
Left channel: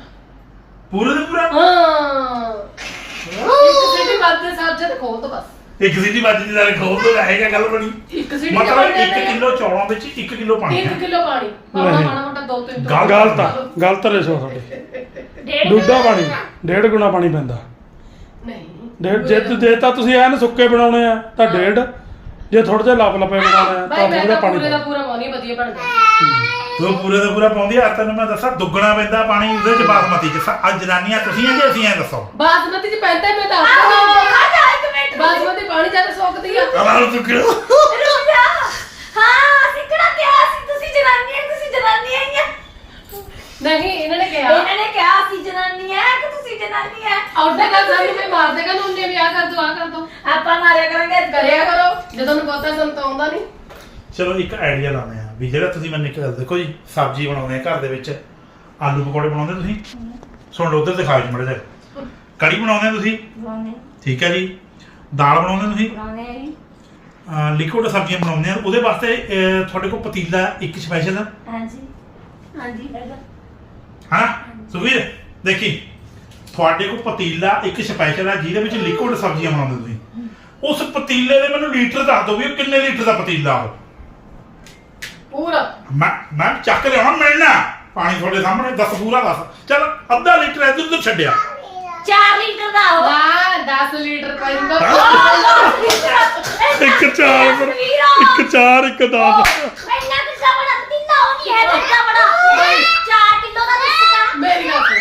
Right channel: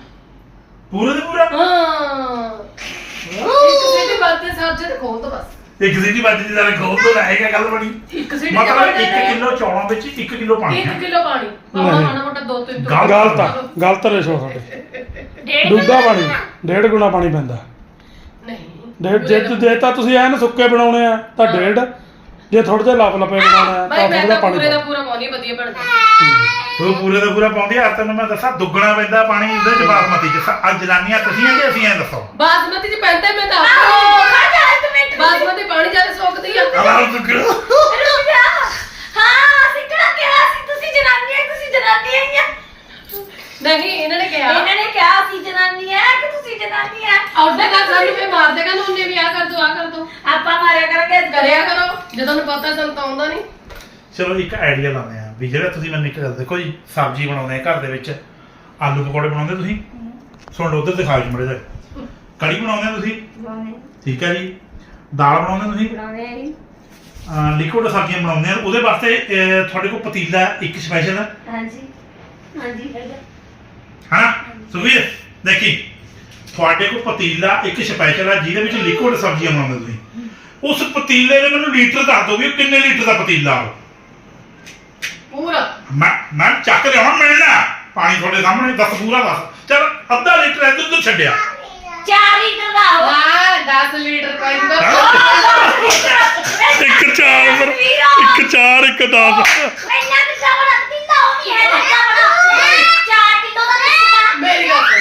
ਪੂਰੇ ਦੇ ਪੂਰਾ? ਹਾਂ। ਇੱਕ ਸਿੱਟੀ ਬਾਤ ਦੇ ਸਾਥ ਜਦ ਖੋਲ ਦੋ ਬਸ। ਇੱਕ ਸਿੱਧੀ ਵੱਜ ਦੀ ਸਾਰੇ ਖੋਲ ਤੋਂ ਰਹੇਗਾ ਗੱਲ ਬਣੀ। ਇੱਕ ਸਿੱਟੀ ਮਤਲਬ 1 ਕਿਲੋ ਚੌਲਾਂ ਵਿੱਚ 1 ਕਿਲੋ ਪਾਣੀ 1 ਹੈ ਕਿਲੋ ਪਾਣੀ। ਪਾਉਣਾ ਮਾਣਾ ਮੋਟਾ ਦੋ ਤਿੰਨ ਤੋਂ ਗਲਤ ਗਲਤ ਆ ਗਲਤ ਰੇਸ਼ੋ ਸਾਡੇ। ਡੇਢ ਪਾਣੀ ਡੇਢ ਗੁਣਾ ਪਾਣੀ ਪੈਂਦਾ। ਨਹੀਂ। ਡੇਢ ਜੇ ਜੇ ਤਾਂ ਤੁਸੀਂ ਐਨ ਸੁੱਕੇ ਬਣਾਉਣੇ ਆ ਤਾਂ ਡੇਢ। ਜੇ ਥੋੜੇ ਜਿਹਾ ਲਪ ਲਪੇ ਬਣਾਉਣੇ ਆ ਭਾਈ ਤਾਂ ਮੈਂ ਥੋੜਾ ਤਾਂ ਪਾਣੀ ਪੂਰੇ ਦਾ ਪਾਓ। ਪੂਰਾ ਪਾਉਣੀ ਵਧੀਆ ਬਣਦਾ। ਤੂੰ ਪੂਰੇ ਦਾ ਪੂਰਾ ਪਾਉਂਦੀ ਆ। ਤੈਨੂੰ ਮੈਂ ਦੱਸਾਂ ਦੁੱਗਣਾ ਪੈਂਦਾ ਪਾਣੀ ਉਹਦੇ ਚ ਬਾਸਮਤੀ ਚ। ਅੱਜ ਜਨਾਨੀਆਂ ਤੁਸੀਂ ਆ ਕਿ ਅਸੀਂ ਆ ਦੱਸੋ। ਬਾਸਮਤੀ ਚ ਪੈਂਦਾ ਮੈਂ ਤਾਂ ਆਹੋ ਖਾ ਜਾ ਇੱਕ ਮਿੰਟ। ਬਾਸਮਤੀ ਪਾਣੀ ਜ਼ਿਆਦਾ ਸੋਖਦੀ ਆ? ਅਲਾਲ ਦੁੱਗਣਾ ਰੁਕ ਜਾ। ਹਾਂ ਸਿੱਖਣਾ ਕਿਹਾ ਸੀ? ਤੁਸੀਂ ਜਨਾਨੀਆਂ ਤੁਸੀਂ ਜਨਾਨੀਆਂ ਹੀ ਆ। ਨਹੀਂ ਇਹਨਾਂ ਨੇ ਕਿਹਾ। ਇਹਨਾਂ ਨੇ ਕਿਹਾ ਅਸੀਂ ਜਨਾਨੀ ਹੈ ਕਿ ਤੁਸੀਂ ਜਨਾਨੀ ਹੈ ਆਉਂਦੇ ਕਾ ਸਾਨੂੰ ਵੀ ਮਾਰ ਦੇਗਾ ਨੂੰ ਉਹਨੇ ਵੀ ਆ ਕਰ ਦੋ ਆ ਕਰ ਦੋ ਆਪਾਂ ਮਾਰਿਆ ਕਰਾਂਗੇ ਅੱਜ ਕਰਿਆ ਕਰੋ। ਜੇ ਤੁਹਾਨੂੰ ਪਤਾ ਸਾਨੂੰ ਤਾਂ ਆਉਂਦਾ ਨਹੀਂ। ਚਲੋ ਇੱਕ ਆਈਡੀਆ ਲਾਉਂਦੇ ਆ ਵੀ ਜਿਹੜਾ ਤੁਸੀਂ ਮੈਨੂੰ ਇੱਕ ਗੱਲ ਦੇਖੋ ਜੀ ਸਬਜ਼ੀ ਬਣਾਉਂਦੇ ਆ ਘਰ ਦੇ ਵਿੱਚ ਆਲੂ ਪਕੌੜੇ ਬਣਾਉਂਦੇ ਤੁਸੀਂ? ਸੁਣ ਲਓ ਉਧਰ ਦਿਖਾਓ ਜੀ ਮੜੇ ਜਾ ਕੜੀ ਬਣਾਉਂਦੇ ਆ ਤੁਸੀਂ? ਬਣਾਉਣੇ ਠੀਕ ਹੈ ਜੀ। ਦਾਲ ਬਣਾਉਂਦੇ ਤੁਸੀਂ? ਬਣਾਉਣੇ ਆ ਜੀ। ਲਿਕੁਇਡ ਸਬਜ਼ੀਆਂ ਬਣਾਉਂਦੇ ਆ ਉਹਦੇ ਵਾਸਤੇ ਅਹ, ਤੁਹਾਡੇ ਕੋਲ ਪਤੀਲਾ ਇੱਕ ਸਪੈਸ਼ਲ ਹੈ ਹਾਂਜੀ। ਹਾਂਜੀ ਹੈਗਾ। ਹਾਂ ਸੁਖਵੀਰ ਦੇਖੀ। ਤੁਹਾਡੇ ਕੋਲ ਪਤੀਲਾ ਇੱਕ ਸਪੈਸ਼ਲ ਹੈ ਜਿਹਦੇ ਵਿੱਚ ਲਿਕੁਇਡ ਸਬਜ਼ੀਆਂ ਬਣਾਉਂਦੇ ਤੁਸੀਂ। ਉਸ ਪਤੀਲੇ ਦੇ ਮੈਨੂੰ ਲੀਟਰ ਦੱਸ ਦਿਓ ਵੀ ਉਹ ਕਿੰਨੇ ਲੀਟਰ ਦਾ ਪਤੀਲਾ ਉਹ। ਪੂਰਾ। ਮੈਂ ਮੈਂ ਚੱਕ ਲਿਆਉਣਾ ਮਿਲਣਾ ਪਾਣੀ ਤੁਹਾਡੇ ਸਾਹਮਣੇ ਦੱਸ ਪੂਰਾ ਦੱਸ। ਚਲ ਅੱਧਾ ਲੀਟਰ ਇੱਧਰ ਤੋਂ ਛੱਡਿਆ। 4 ਲੀਟਰ ਦਾ ਹੋ। ਆ 10 ਲੀਟਰ ਪੈਂਦਾ। ਇੱਕ ਚਾਰ ਪਰ ਇੱਕ ਚਾਰ ਇੱਕ 10 ਮੈਨਾਂ ਕਿੱਸਾ ਬਣਾ ਦਿੱਤਾ ਉਹ ਨਹੀਂ ਹੈ ਦਿੱਤਾ ਬਣਾ। 4 ਕਿਲੋ ਦਾ ਦਿੱਤਾ। ਮੇਰੀ ਗੱਲ ਸੁਣ।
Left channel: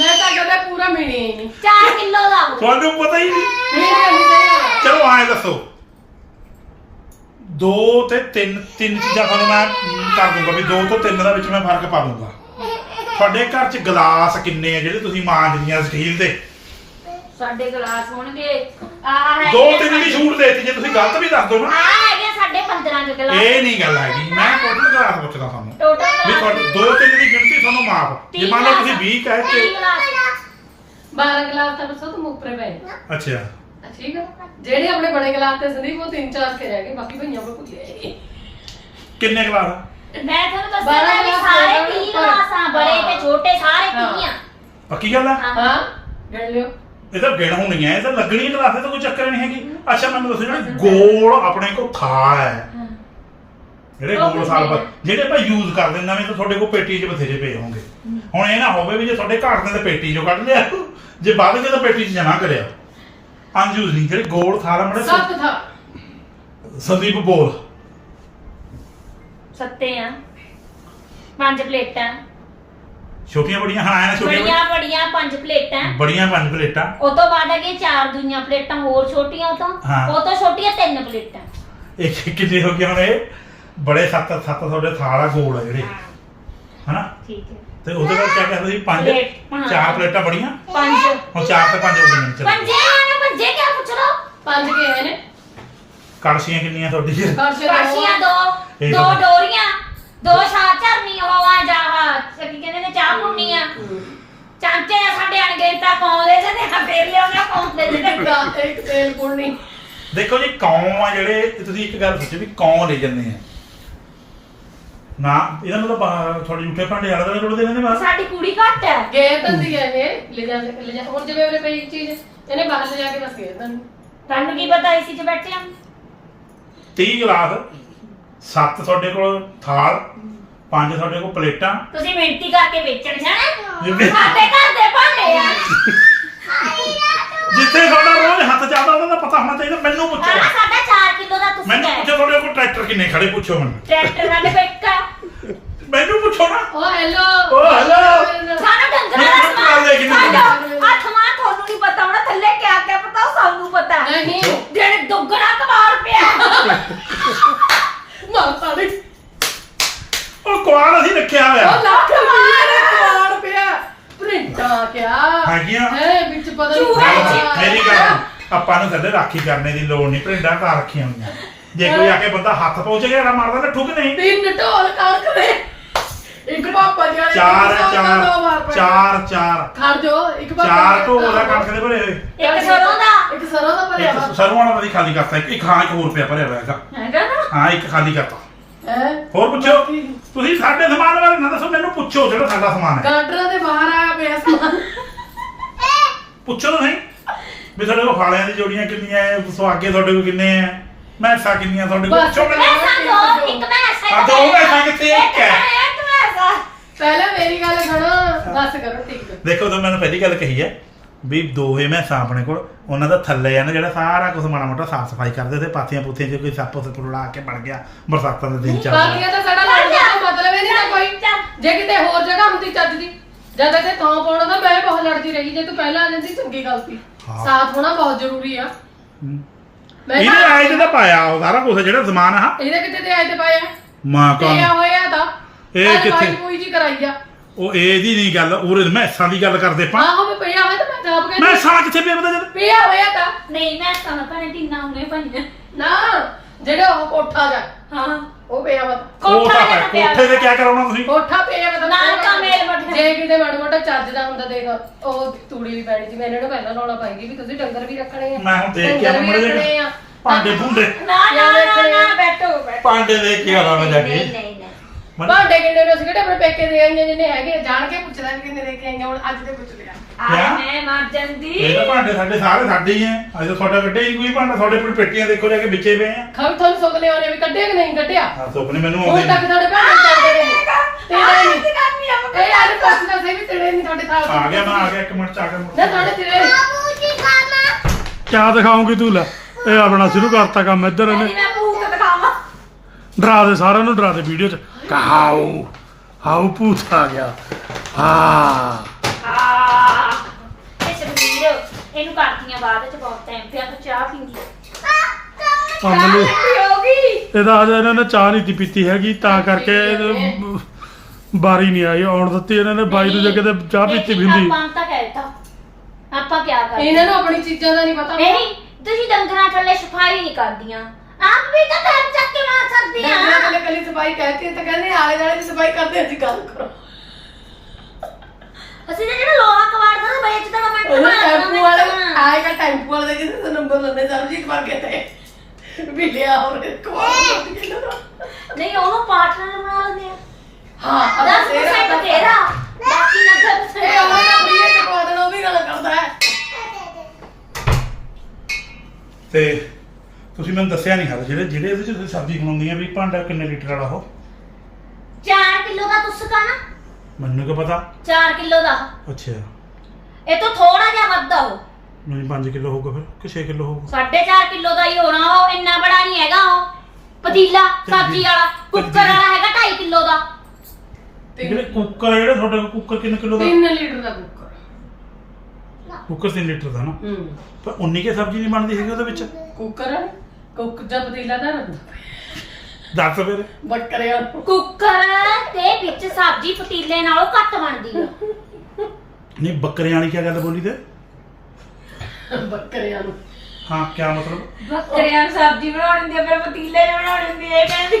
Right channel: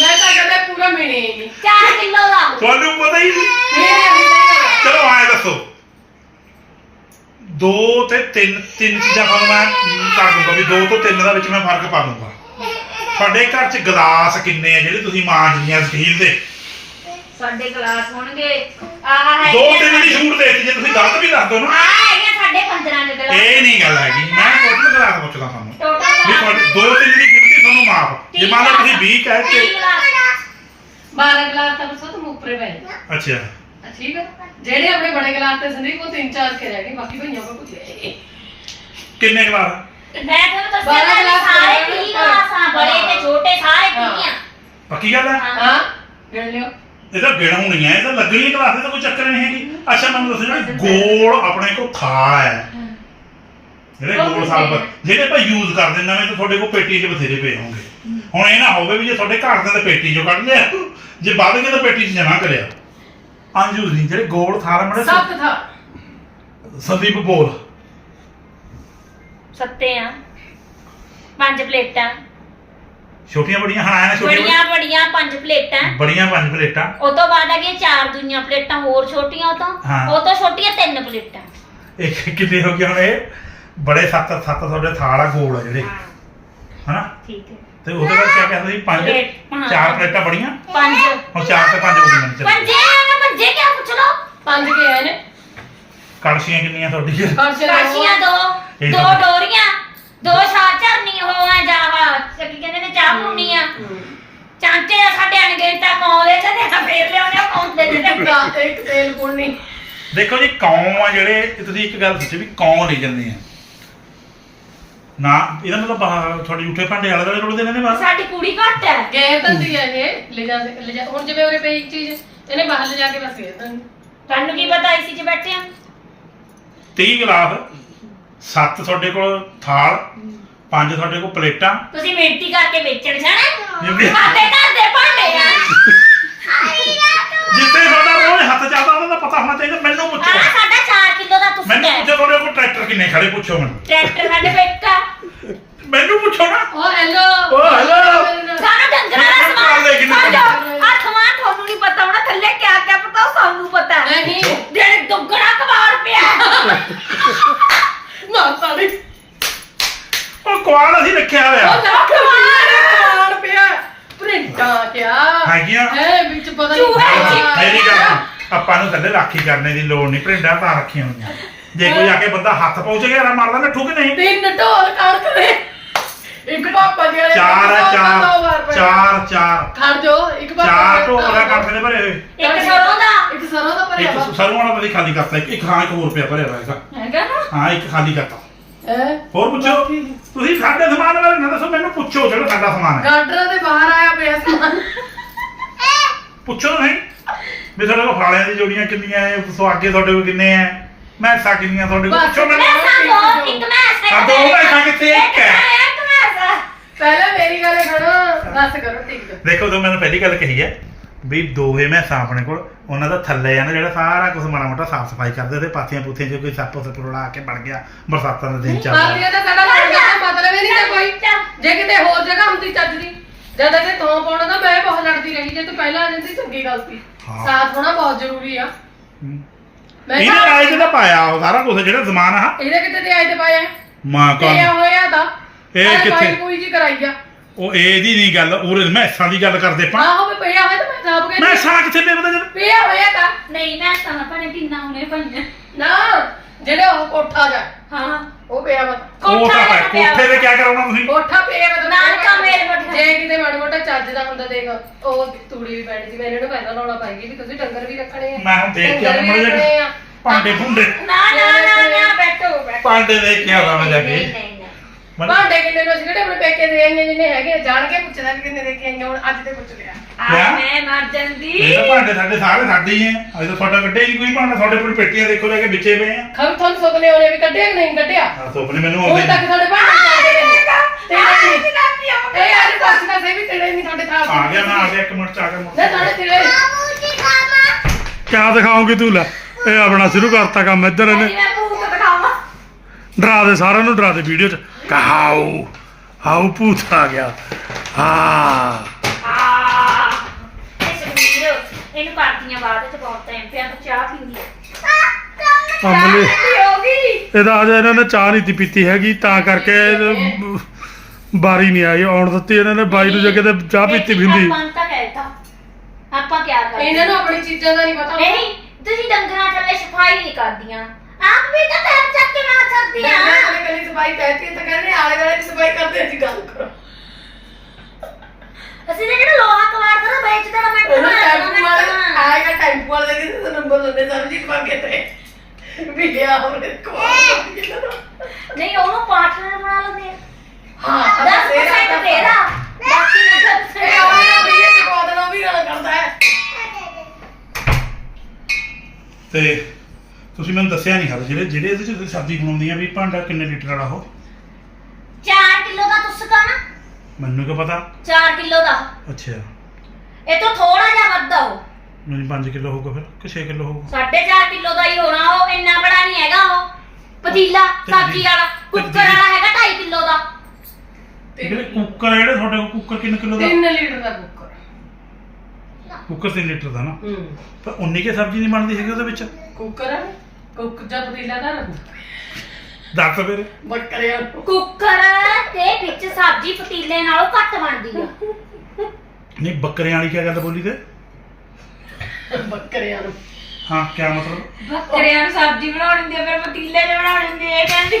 ਮੈਂ ਤਾਂ ਕਦੇ ਪੂਰਾ ਹੀ ਨਹੀਂ। 4 ਕਿਲੋ ਦਾ। ਤੁਹਾਨੂੰ ਪਤਾ ਹੀ ਨਹੀਂ। ਮੇਰੇ ਨਹੀਂ ਸਹੀ ਚਲੋ ਆਏ ਦੱਸੋ। ਦੋ ਤੇ ਤਿੰਨ ਤਿੰਨ ਚੀਜ਼ਾਂ ਤੁਹਾਨੂੰ ਮੈਂ ਕਰ ਦੂੰਗਾ ਵੀ ਦੋ ਤੋਂ ਤਿੰਨ ਦਾ ਵਿੱਚ ਮੈਂ ਫ਼ਰਕ ਪਾ ਦੂੰਗਾ। ਤੁਹਾਡੇ ਘਰ 'ਚ ਗਲਾਸ ਕਿੰਨੇ ਆ ਜਿਹੜੇ ਤੁਸੀਂ ਮਾਂਜਦੇ ਆ ਸਟੀਲ ਦੇ? ਸਾਡੇ ਗਲਾਸ ਹੋਣਗੇ। ਆ ਹੈ ਦੋ ਤਿੰਨ ਦੀ ਛੂਟ ਦੇਤੀ ਜੇ ਤੁਸੀਂ ਗਲਤ ਵੀ ਦੱਸ ਦਿਓ ਨਾ। ਹੈਗੇ ਸਾਡੇ 15 ਦੇ ਗਲਾਸ। ਇਹ ਨਹੀਂ ਗੱਲ ਹੈਗੀ ਮੈਂ ਟੋਟਲ ਗਲਾਸ ਪੁੱਛਦਾ ਤੁਹਾਨੂੰ। ਵੀ ਟੋਟਲ ਤੁਹਾਡੇ ਦੋ ਤਿੰਨ ਦੀ ਗਿਣਤੀ ਤੁਹਾਨੂੰ ਮਾਫ। ਜੇ ਮੰਨ ਲਓ ਤੁਸੀਂ 20 ਕਹੇ ਤੇ 12 ਗਲਾਸ। ਤਾਂ ਬਸ ਉਹ ਮੁੱਕ ਪਰੇ ਪੈ। ਅੱਛਾ। ਠੀਕ ਹੈ? ਜਿਹੜੇ ਆਪਣੇ ਬੜੇ ਗਲਾਸ ਤੇ ਸੰਦੀਪ ਉਹ ਤਿੰਨ ਚਾਰ ਕੇ ਰਹਿ ਗਏ ਬਾਕੀ ਭਈਆਂ ਕੋ ਕੁਝ ਰਹਿ ਗਏ ਕਿੰਨੇ ਗਲਾਸ? ਮੈਂ ਤੁਹਾਨੂੰ ਦੱਸਿਆ ਬਾਰਾਂ ਨਾ ਗਲਾਸ ਸਾਰੇ ਹੋਏ ਪੀ ਆ। ਗਲਾਸਾਂ ਬੜੇ ਤੇ ਛੋਟੇ ਸਾਰੇ ਹਾਂ। ਪੱਕੀ ਗੱਲ ਹੈ? ਹਾਂ। ਗਣ ਲਿਓ। ਇਹ ਤਾਂ ਗਿਣ ਹੋਣੀ ਹੈ ਇਹ ਤਾਂ ਲੱਗਣੀ ਗਲਾਸ ਤੇ ਤਾਂ ਕੋਈ ਚੱਕਰ ਨਹੀਂ ਹੈਗੀ। ਅੱਛਾ ਮੈਨੂੰ ਦੱਸੋ ਜਿਹੜੀ ਗੋਲ ਆਪਣੇ ਕੋਲ ਥਾਲ ਹੈ। ਜਿਹੜੇ ਉਹ ਗੋਲ ਪਰ- ਜਿਹੜੇ ਆਪਾਂ ਯੂਜ਼ ਕਰਦੇ ਨਵੇਂ ਤਾਂ ਤੁਹਾਡੇ ਕੋਲ ਪੇਟੀ 'ਚ ਬਥੇਰੇ ਪਏ ਹੋਣਗੇ। ਹੁਣ ਇਹ ਨਾ ਹੋਵੇ ਵੀ ਜੇ ਤੁਹਾਡੇ ਘਰ ਦੇ ਤਾਂ ਪੇਟੀ 'ਚੋਂ ਕੱਢ ਲਿਆ ਜੇ ਵੱਧ ਕੇ ਤਾਂ ਪੇਟੀ 'ਚ ਜਮਾ ਕਰਿਆ। ਅਨਯੂਜ਼ ਨਹੀਂ ਜਿਹੜੇ ਗੋਲ ਥਾਲ ਆ ਸੱਤ ਥਾ ਮੜੇ ਸੰਦੀਪ ਬੋਲ। ਸੱਤੇ ਆ। ਪੰਜ ਪਲੇਟਾਂ। ਛੋਟੀਆਂ ਬੜੀਆਂ ਹਾਂ ਨਾ ਛੋਟੀਆਂ ਬੜੀਆਂ ਬੜੀਆਂ। ਪੰਜ ਪਲੇਟਾਂ। ਬੜੀਆਂ ਪੰਜ ਪਲੇਟਾਂ। ਉਹ ਤੋਂ ਬਾਅਦ ਹੈਗੇ ਚਾਰ ਦੂਈਆਂ ਪਲੇਟਾਂ ਹੋਰ ਛੋਟੀਆਂ ਉਹ ਤੋਂ। ਹਾਂ। ਉਹ ਤੋਂ ਛੋਟੀਆਂ ਤਿੰਨ ਪਲੇਟਾਂ। ਇਹ ਕਿੰਨੇ ਹੋ ਗਏ ਹੁਣ ਇਹ? ਬੜੇ ਸੱਤ ਸੱਤ ਤੁਹਾਡੇ ਥਾਲ ਆ ਗੋਲ ਆ ਜਿਹੜੇ। ਹਨਾ? ਠੀਕ ਹੈ। ਤੇ ਉਹਦੇ ਬਾਅਦ ਕਿਆ ਕਹਿੰਦੇ ਸੀ? ਪੰਜ ਪਲੇਟ, ਹਾਂ। ਚਾਰ ਪਲੇਟਾਂ ਬੜੀਆਂ? ਪੰਜ। ਹੁਣ ਚਾਰ ਤੇ ਪੰਜ ਬੜੀਆਂ ਚਲੋ ਪੰਜੇ ਆ ਪੰਜੇ ਕਿਆ ਪੁੱਛ ਲੋ ਪੰਜ ਕੇ ਆਏ ਨੇ ਕੜਛੀਆਂ ਕਿੰਨੀਆਂ ਤੁਹਾਡੀਆਂ? ਕੜਛੀਆਂ ਦੋ। ਇਹ ਦੋ ਤਾਂ- ਡੋਰੀਆਂ ਦੋ ਛਾਂ ਚਰਨੀ ਹੋਵਾਂ ਜਾਵਾ ਕੀ ਕਹਿੰਦੇ ਨੇ ਚਾਹ ਪੁੰਨੀ ਆ। ਚਾਂਚੇ ਆ ਸਾਡੇ ਅਣਗੇ ਤਾਂ ਕੌਂਦੇ ਨੇ ਆ ਫੇਰ ਲਿਆਉਣੇ ਕੌਂਦੇ ਨੇ ਇੱਕ ਇੱਕ ਤੇਲ ਪੁੰਨੀ ਦੇਖੋ ਜੀ ਕੌਂ ਆ ਜਿਹੜੇ ਇਹ ਤੁਸੀਂ ਇੱਕ ਗੱਲ ਸੋਚੋ ਵੀ ਕੌਂ ਲੈ ਜਾਂਦੇ ਆ। ਨਾ ਇਹਦਾ ਮਤਲਬ ਬਾਹਰ ਤੁਹਾਡੀ ਉੱਠੇ ਭਾਂਡੇ ਵਾਲੇ ਦਾ ਰੋੜ ਦੇਣੇ ਨੇ ਬਾਹਰ। ਸਾਡੀ ਕੁੜੀ ਘੱਟ ਹੈ। ਗਏ ਤੰਦੀ ਹੈ ਇਹ ਲੈ ਜਾ ਲੈ ਜਾ ਹੁਣ ਜਿਵੇਂ ਉਹਨੇ ਪਈ ਚੀਜ਼ ਇਹਨੇ ਬਾਹਰ ਲੈ ਜਾ ਕੇ ਬਸ ਗਏ ਤੰਦੀ ਤੁਹਾਨੂੰ ਕੀ ਪਤਾ ਇਸੀ 'ਚ ਬੈਠੇ ਆ? 30 ਗਲਾਸ ਸੱਤ ਤੁਹਾਡੇ ਕੋਲ ਥਾਲ ਪੰਜ ਤੁਹਾਡੇ ਕੋਲ ਪਲੇਟਾਂ। ਤੁਸੀਂ ਮਿਹਨਤੀ ਕਰਕੇ ਵੇਚਣ ਜਾਣਾ? ਸਾਡੇ ਘਰ ਦੇ ਭਾਂਡੇ ਆ। ਜਿੱਥੇ ਤੁਹਾਡਾ ਰੋਜ਼ ਹੱਥ ਜਾਂਦਾ ਉਹਦਾ ਤਾਂ ਪਤਾ ਹੋਣਾ ਚਾਹੀਦਾ ਮੈਨੂੰ ਪੁੱਛੋ। ਹਾਂ ਸਾਡਾ 4 ਕਿਲੋ ਦਾ ਤੁਸੀਂ ਮੈਨੂੰ ਕਹਿ ਪੁੱਛੋ ਤੁਹਾਡੇ ਕੋਲ ਟਰੈਕਟਰ ਕਿੰਨੇ ਖੜੇ ਪੁੱਛੋ ਮੈਨੂੰ। ਟਰੈਕਟਰ ਸਾਡੇ ਬੇਟਾ ਮੈਨੂੰ ਪੁੱਛੋ ਨਾ। ਉਹ ਹੈਲੋ ਓ, hello। ਸਾਨੂੰ ਗੱਲ ਦੇ ਸਮਾਨ ਸਾਡਾ ਮਾਰ ਤੁਹਾਨੂੰ ਨਹੀਂ ਪਤਾ ਹੋਣਾ ਥੱਲੇ ਕਿਆ ਕਿਆ ਪਤਾ ਉਹ ਸਾਨੂੰ ਪਤਾ ਨਹੀਂ। ਜਿਹੜੇ ਦੁੱਗਣਾ ਕਬਾੜ ਪਿਆ ਨਾ ਤਾੜੀ ਉਹ ਕੁਆਲ ਅਸੀਂ ਰੱਖਿਆ ਉਹ ਹੋਇਆ ਲੱਖ ਮਾਰੇ ਕਵਾੜ ਪਿਆ ਪ੍ਰਿੰਟਾਂ ਕਿਆ? ਹੈਗੀਆਂ। ਹੈ ਵਿੱਚ ਪਤਾ ਨਹੀਂ। ਮੇਰੀ ਗੱਲ ਆਪਾਂ ਨੂੰ ਥੱਲੇ ਰਾਖੀ ਕਰਨੇ ਦੀ ਲੋੜ ਨਹੀਂ ਪ੍ਰਿੰਡਾਂ ਤਾਂ ਰੱਖੀਆਂ ਹੋਈਆਂ। ਜੇ ਕੋਈ ਆ ਕੇ ਬੰਦਾ ਹੱਥ ਪਹੁੰਚ ਗਿਆ ਨਾ ਮਾਰਦਾ ਨੱਠੂ ਕਿ ਨਹੀਂ? ਤਿੰਨ ਢੋਲ ਕਣਕ ਦੇ। ਇੱਕ ਪਾਪਾ ਜੀ ਵਾਲੇ ਚਾਰ ਇੱਕ ਆ, ਦਾ ਦੋ ਵਾਰ ਚਾਰ। ਚਾਰ ਚਾਰ। ਖੜ ਜੋ ਇੱਕ ਪਾਪਾ ਚਾਰ ਢੋਲਾ ਕਣਕ ਦੇ ਭਰੇ ਹੋਏ? ਇੱਕ ਸਰੋਂ ਦਾ। ਇੱਕ ਸਰੋਂ ਦਾ ਭਰਿਆ ਵਾ। ਇੱਕ ਸਰੋਂ ਵਾਲਾ ਤਾਂ ਅਸੀਂ ਖਾਲੀ ਕਰਤਾ ਇੱਕ ਇੱਕ ਹਾਂ ਇੱਕ ਹੋਰ ਪਿਆ ਭਰਿਆ ਹੋਇਆ ਹੈਗਾ। ਹੈਗਾ ਨਾ। ਹਾਂ ਇੱਕ ਖਾਲੀ ਕਰਤਾ। ਹੈ? ਹੋਰ ਪੁੱਛੋ। ਤੁਸੀਂ ਸਾਡੇ ਸਮਾਨ ਬਾਰੇ ਨਾ ਦੱਸੋ ਮੈਨੂੰ ਪੁੱਛੋ ਜਿਹੜਾ ਸਾਡਾ ਸਮਾਨ ਹੈ। ਗਾਂਡਰਾਂ ਦੇ ਬਾਹਰ ਆਇਆ ਪਿਆ ਸਮਾਨ ਪੁੱਛੋ ਤਾਂ ਨਹੀਂ ਵੀ ਤੁਹਾਡੇ ਕੋਲ ਫਾਲਿਆਂ ਦੀ ਜੋੜੀਆਂ ਕਿੰਨੀਆਂ ਐ ਸੁਹਾਗੇ ਤੁਹਾਡੇ ਕੋਲ ਕਿੰਨੇ ਐ ਮੈਸਾਂ ਕਿੰਨੀਆਂ ਤੁਹਾਡੇ ਕੋਲ। ਪੁੱਛੋ ਮੈਨੂੰ। ਮੈਂ ਸਾਂ ਦੋ ਇੱਕ ਮੈਂ ਆ, ਦੋ। ਮੈਸਾਂ ਕਿੱਥੇ? ਇੱਕ ਹੈ। ਪਹਿਲਾਂ ਮੇਰੀ ਗੱਲ ਖੜੋ ਬਸ ਕਰੋ ਠੀਕ ਹੈ। ਦੇਖੋ ਤੁਸੀਂ ਮੈਨੂੰ ਪਹਿਲੀ ਗੱਲ ਕਹੀ ਹੈ ਵੀ ਦੋਵੇਂ ਮੈਸਾਂ ਆਪਣੇ ਕੋਲ ਉਹਨਾਂ ਦਾ ਥੱਲੇ ਆ ਨਾ ਜਿਹੜਾ ਸਾਰਾ ਕੁਝ ਮਾੜਾ ਮੋਟਾ ਸਾਫ਼ ਸਫ਼ਾਈ ਕਰਦੇ ਤੇ ਪਾਥੀਆਂ ਪੂਥੀਆਂ ਜੇ ਕੋਈ ਸੱਪ ਸੁੱਪ ਰੁਲਾ ਕੇ ਬਣ ਗਿਆ ਬਰਸਾਤਾਂ ਦੇ ਦਿਨ ਚੱਲ ਬਾਕੀਆਂ ਤਾਂ ਸਾਡਾ ਲੜ ਗਿਆ ਮਤਲਬ ਹੀ ਨਹੀਂ ਤਾਂ ਕੋਈ। ਜੇ ਕਿਤੇ ਹੋਰ ਜਗ੍ਹਾ ਹੁੰਦੀ ਚੱਜ ਦੀ ਜਦ ਕਿ ਤੋਂ ਪਾਉਣਾ ਤਾਂ ਮੈਂ ਬਹੁਤ ਲੜਦੀ ਰਹੀ ਜੇ ਤੂੰ ਪਹਿਲਾਂ ਆ ਜਾਂਦੀ ਚੰਗੀ ਗੱਲ ਸੀ। ਹਾਂ। ਸਾਥ ਹੋਣਾ ਬਹੁਤ ਜ਼ਰੂਰੀ ਆ। ਹੂੰ। ਮੈਂ ਇਹਨੇ ਕਿਹਾ ਆਏ ਜਿਹਦਾ ਪਾਇਆ ਉਹ ਸਾਰਾ ਕੁਝ ਜਿਹੜਾ ਜ਼ਮਾਨ ਆ। ਇਹਦੇ ਕਿਤੇ ਤੇ ਆਏ ਤੇ ਪਾਇਆ? ਮਾਂ ਤੇ ਆ ਕੌਣ ਹੋਇਆ ਤਾਂ। ਇਹ ਕਿੱਥੇ? ਪੂਈ ਜੀ ਕਰਾਈ ਆ। ਉਹ ਇਹਦੀ ਨਹੀਂ ਗੱਲ ਉਹ ਮੈਸਾਂ ਦੀ ਗੱਲ ਕਰਦੇ ਪਾ। ਆਹੋ ਵੀ ਪਿਆ ਹੋਇਆ ਤਾਂ ਮੈਂ ਕਾਬ ਮੈਂ ਕਹਿੰਦੀ ਸਾਂ ਕਿੱਥੇ ਲਿਆਉਂਦਾ ਜਦ ਪਿਆ ਹੋਇਆ ਤਾਂ। ਨਹੀਂ ਮੈਂ ਸਾਨੂੰ ਭਣੇ ਟਿੰਨਾ ਉਹਨੇ ਪਈਆਂ ਨਾ ਜਿਹੜੇ ਉਹ ਕੋਠਾ ਜਾ। ਹਾਂ। ਉਹ ਪਿਆ ਵਾ। ਕੋਠਾ ਤਾਂ ਪਿਆ ਕੋਠੇ ਦੇ ਕੀ ਕਰਾਉਣਾ ਤੁਸੀਂ? ਕੋਠਾ ਪਿਆ ਵਾ ਨਾਨਕਾ ਮੇਲ ਮੱਠਾ। ਜੇ ਕਿਤੇ ਮਾੜਾ ਮੋਟਾ ਚੱਜ ਦਾ ਹੁੰਦਾ ਦੇਖ ਉਹ ਤੂੜੀ ਵੀ ਪੈਣੀ ਸੀ ਮੈਂ ਇਹਨਾਂ ਨੂੰ ਪਹਿਲਾਂ ਲਾਉਣਾ ਪਾਏਗੀ ਵੀ ਤੁਸੀਂ ਡੰਗਰ ਵੀ ਰੱਖਣੇ ਆ। ਮੈਂ ਹੁਣ ਦੇਖ ਕੇ ਮੜਾ ਜਾ। ਭਾਂਡੇ ਭੁੰਡੇ। ਨਾ ਨਾ ਨਾ ਨਾ ਬੈਠੋ ਬੈਠੋ। ਭਾਂਡੇ ਦੇਖ ਕੇ ਆਉਣਾ ਮੈਂ ਜਾ ਕੇ ਨਹੀਂ ਨਹੀਂ ਮੈਂ- ਭਾਂਡੇ ਕਿੰਨੇ ਨੂੰ? ਅਸੀਂ ਕਿਹੜੇ ਆਪਣੇ ਪੇਕੇ ਦੇ ਆਈਆਂ ਜਿੰਨੇ ਹੈਗੇ ਆ, ਜਾਣ ਕੇ ਪੁੱਛਦਾ ਵੀ ਕਿੰਨੇ ਦੇ ਕੇ ਆਈਆਂ ਹੁਣ ਅੱਜ ਤੇ ਪੁੱਛ ਲਿਆ। ਆ ਕਿਆ? ਮੈਂ ਮਰ ਜਾਂਦੀ ਇਹ ਤਾਂ ਭਾਂਡੇ ਸਾਡੇ ਸਾਰੇ ਸਾਡੇ ਹੀ ਐ ਅੱਜ ਤਾਂ ਤੁਹਾਡਾ ਕੱਢੇ ਹੀ ਕੋਈ ਭਾਂਡਾ। ਤੁਹਾਡੇ ਕੋਲ ਪੇਟੀਆਂ ਦੇਖੋ ਜਾ ਕੇ ਵਿੱਚੇ ਪਏ ਆ। ਖਬ ਤੁਹਾਨੂੰ ਸੁਪਨੇ ਉਹਨੇ ਵੀ ਕੱਢਿਆ ਕਿ ਨਹੀਂ ਕੱਢਿਆ? ਹਾਂ ਸੁਪਨੇ ਮੈਨੂੰ ਹੁਣ ਆਉਂਦੇ ਤੱਕ ਨਹੀਂ ਸਾਡੇ ਭਾਂਡੇ ਚੱਲਦੇ ਰਹੇ ਤੇਰੇ ਨਹੀਂ। ਇਹ ਯਾਰ ਪੁੱਛਦਾ ਸੀ ਵੀ ਤੇਰੇ ਨਹੀਂ ਤੁਹਾਡੇ ਥਾਲ ਆ ਗਿਆ ਮੈਂ ਆ ਗਿਆ ਇੱਕ ਮਿੰਟ ਚ ਆ ਗਿਆ ਮੁੜ ਨਾ ਕੇ। ਸਾਡੇ ਤੇਰੇ ਕਿਆ ਦਿਖਾਉਂਗੀ ਤੂੰ ਲੈ। ਇਹ ਆਪਣਾ ਸ਼ੁਰੂ ਕਰਤਾ ਕੰਮ ਇੱਧਰ ਇਹਨੇ। ਮੈਂ ਡਰਾ ਦੇ ਸਾਰਿਆਂ ਨੂੰ ਡਰਾ ਦੇ ਵੀਡੀਓ 'ਚ। ਕਹਾਉ ਹਾਉ ਭੂਤ ਆ ਗਿਆ। ਹਾਂ ਆ। ਇਹ ਸੁਖਵੀਰ ਇਹਨੂੰ ਕਰਦੀਆਂ ਬਾਅਦ ਚ ਬਹੁਤ ਟਾਈਮ ਪਿਆ ਤਾਂ ਚਾਹ ਪੀਂਦੀ ਅਮਲੀ ਹੋ ਗਈ ਇਹਦਾ ਅਜੇ ਇਹਨਾਂ ਨੇ ਚਾਹ ਨਹੀਂ ਤੀ ਪੀਤੀ ਹੈਗੀ ਤਾਂ ਕਰਕੇ ਇਹ ਬਾਰੀ ਨਹੀਂ ਆਈ ਆਉਣ ਦਿੱਤੀ ਇਹਨਾਂ ਨੇ ਬਾਈ ਨੂੰ ਜੇ ਕਿਤੇ ਚਾਹ ਪੀਤੀ ਹੁੰਦੀ। ਆਪਾਂ ਤਾਂ ਕਹਿਤਾ ਆਪਾਂ ਕੀ ਕਰਦੇ ਇਹਨਾਂ ਨੂੰ ਆਪਣੀ ਚੀਜ਼ਾਂ ਦਾ ਨਹੀਂ ਪਤਾ ਨਹੀਂ ਤੁਸੀਂ ਡੰਗਰਾਂ ਥੱਲੇ ਸਫ਼ਾਈ ਨਹੀਂ ਕਰਦੀਆਂ। ਆਪ ਵੀ ਤਾਂ ਪੈਰ ਚੱਕ ਕੇ ਮਾਰ ਸਕਦੀਆਂ ਮੈਂ ਕੋਲੇ ਕਲੀ ਸਫ਼ਾਈ ਕਹਿਤੀ ਤਾਂ ਕਹਿੰਦੇ ਆਲੇ ਦੁਆਲੇ ਦੀ ਸਫ਼ਾਈ ਕਰਦੇ ਅਸੀਂ ਗੱਲ ਕਰੋ ਅਸੀਂ ਤਾਂ ਜਿਹੜਾ ਲੋਹਾ ਕਵਾੜ ਦਾ ਵੇਚ ਦੇਣਾ ਮੈਂ ਉਹ ਟੈਂਪੂ ਵਾਲੇ ਆਏਗਾ ਟੈਂਪੂ ਵਾਲੇ ਦੇ ਕਿਸੇ ਦਾ ਨੰਬਰ ਲੈਣੇ ਸਰਬਜੀਤ ਵਰਗੇ ਤੇ ਵੀ ਗਿਆ ਉਹਨੇ ਕਮਾਲ ਨਹੀਂ ਉਹਨੂੰ ਪਾਰਟਨਰ ਬਣਾ ਲੈਂਦੇ ਆ ਹਾਂ 10% ਤੇਰਾ ਬਾਕੀ 90% ਇਹ ਉਹਦਾ ਵੀ ਇਹ ਚਕਵਾ ਦੇਣਾ ਵੀ ਗਾਣਾ ਕਰਦਾ ਹੈ ਤੇ ਤੁਸੀਂ ਮੈਨੂੰ ਦੱਸਿਆ ਨਹੀਂ ਹਾਲੇ ਜਿਹੜੇ ਜਿਹੜੇ ਇਹਦੇ ਚ ਤੁਸੀਂ ਸਬਜ਼ੀ ਬਣਾਉਂਦੀਆਂ ਵੀ ਭਾਂਡਾ ਕਿੰਨੇ ਲੀਟਰ ਵਾਲਾ ਉਹ? 4 ਕਿਲੋ ਦਾ ਤੁਸਕਾ ਨਾ ਮੈਨੂੰ ਕੀ ਪਤਾ? 4 ਕਿਲੋ ਦਾ। ਅੱਛਾ। ਇਹ ਤੋਂ ਥੋੜਾ ਜਿਹਾ ਵੱਧ ਆ ਉਹ। ਮੈਨੂੰ 5 ਕਿਲੋ ਹੋਊਗਾ ਫਿਰ ਕਿ 6 ਕਿਲੋ ਹੋਊਗਾ? 4.5 ਕਿਲੋ ਦਾ ਹੀ ਹੋਣਾ ਉਹ ਇੰਨਾ ਬੜਾ ਨਹੀਂ ਹੈਗਾ ਉਹ। ਪਤੀਲਾ ਸਬਜ਼ੀ ਵਾਲਾ ਕੁੱਕਰ ਵਾਲਾ ਹੈਗਾ 2.5 ਕਿਲੋ ਦਾ। ਜਿਹੜੇ ਕੁੱਕਰ ਜਿਹੜੇ ਤੁਹਾਡੇ ਕੋਲ ਕੁੱਕਰ ਕਿੰਨੇ ਕਿਲੋ ਦਾ? 3 ਲੀਟਰ ਦਾ ਕੁੱਕਰ। ਕੁੱਕਰ 3 ਲੀਟਰ ਦਾ ਨਾ? ਹੂੰ। ਪਰ ਉਨੀ ਕੇ ਸਬਜ਼ੀ ਨਹੀਂ ਬਣਦੀ ਹੈਗੀ ਉਹਦੇ ਵਿੱਚ? ਕੁੱਕਰ? ਕੁੱਕ ਜਾਂ ਪਤੀਲਾ ਦਾ ਰੰਗ ਦੱਸ ਫਿਰ। ਬੱਕਰਿਆਂ ਨੂੰ ਕੁੱਕਰ ਦੇ ਵਿੱਚ ਸਬਜ਼ੀ ਪਤੀਲੇ ਨਾਲੋਂ ਘੱਟ ਬਣਦੀ ਆ। ਨਹੀਂ ਬੱਕਰਿਆਂ ਵਾਲੀ ਕੀ ਗੱਲ ਬੋਲੀ ਤੇ? ਬੱਕਰਿਆਂ ਨੂੰ ਹਾਂ ਕੀ ਮਤਲਬ? ਬੱਕਰਿਆਂ ਨੂੰ ਸਬਜ਼ੀ ਬਣਾਉਣੀ ਹੁੰਦੀ ਆ ਫਿਰ ਪਤੀਲੇ ਨੇ ਬਣਾਉਣੀ ਹੁੰਦੀ ਆ, ਇਹ ਕਹਿੰਦੀ।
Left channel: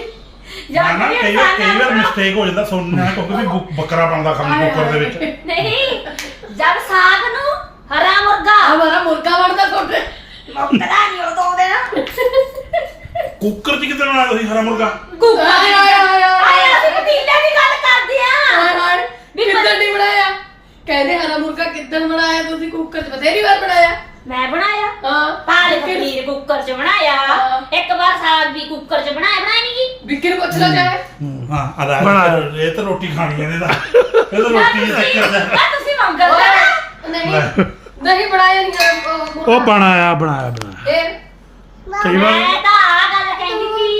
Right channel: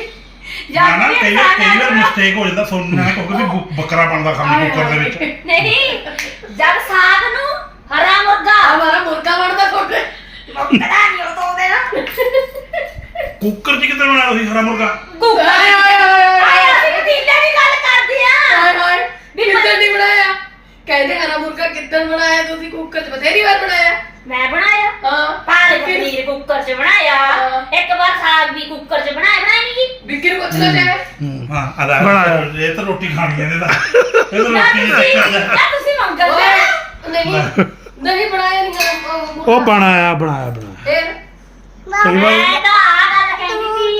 ਨਾ ਨਾ ਕਈ ਵਾਰ ਕਈ ਵਾਰ ਮਿਸਟੇਕ ਹੋ ਜਾਂਦਾ ਸੁਣਨਾ ਕਿਉਂਕਿ ਵੀ ਬੱਕਰਾ ਬਣਦਾ ਖਾਲੀ ਕੁੱਕਰ ਦੇ ਵਿੱਚ। ਨਹੀਂ ਜਦ ਸਾਗ ਨੂੰ ਹਰਾ ਮੁਰਗਾ। ਹਮਾਰਾ ਮੁਰਗਾ ਵੜਦਾ ਤੁਹਾਡੇ। ਮੁੱਕਦਾ ਨਹੀਂ ਉਹ ਦੋ ਦਿਨ। ਕੁੱਕਰ 'ਚ ਕਿੱਦਾਂ ਬਣਾਇਆ ਤੁਸੀਂ ਹਰਾ ਮੁਰਗਾ? ਕੁੱਕਰ ਹਾਏ ਹਾਏ ਹਾਏ ਆਏ ਅਸੀਂ ਪਤੀਲੇ ਦੀ ਗੱਲ ਕਰਦੇ ਆ। ਹਾਏ ਹਾਏ ਵੀ ਕਿੱਦਣ ਨਹੀਂ ਬਣਾਇਆ? ਕਹਿੰਦੇ ਹਰਾ ਮੁਰਗਾ ਕਿੱਦਣ ਬਣਾਇਆ ਤੁਸੀਂ? ਕੁੱਕਰ 'ਚ ਬਥੇਰੀ ਵਾਰ ਬਣਾਇਆ। ਮੈਂ ਬਣਾਇਆ। ਹਾਂ। ਪਾਲਕ ਪਨੀਰ ਕੁੱਕਰ 'ਚ ਬਣਾਇਆ। ਹਾਂ। ਇੱਕ ਵਾਰ ਸਾਗ ਵੀ ਕੁੱਕਰ 'ਚ ਬਣਾਇਆ। ਬਣਾਇਆ ਨਹੀਂ ਜੀ ਵਿੱਕੀ ਨੂੰ ਪੁੱਛ ਲੈ ਚਾਹੇ ਹਾਂ ਅਦਾ ਬਣਾਇਆ। ਇਹ ਤਾਂ ਰੋਟੀ ਖਾਣੀ ਹੈ ਇਹਦਾ ਇਹ ਤਾਂ ਰੋਟੀ ਨਾ ਨਾ ਤੁਸੀਂ ਮੰਗਲ ਓਏ, ਨਹੀਂ। ਨਹੀਂ ਬਣਾਇਆ ਨਹੀਂ ਹਰਾ ਉਹ ਬਣਾਇਆ ਬਣਾਇਆ ਬਣਾਇਆ। ਫਿਰ? ਕਈ ਵਾਰ ਮੈਂ ਤਾਂ ਆ ਗੱਲ ਕਹਿੰਦੀ ਸੀ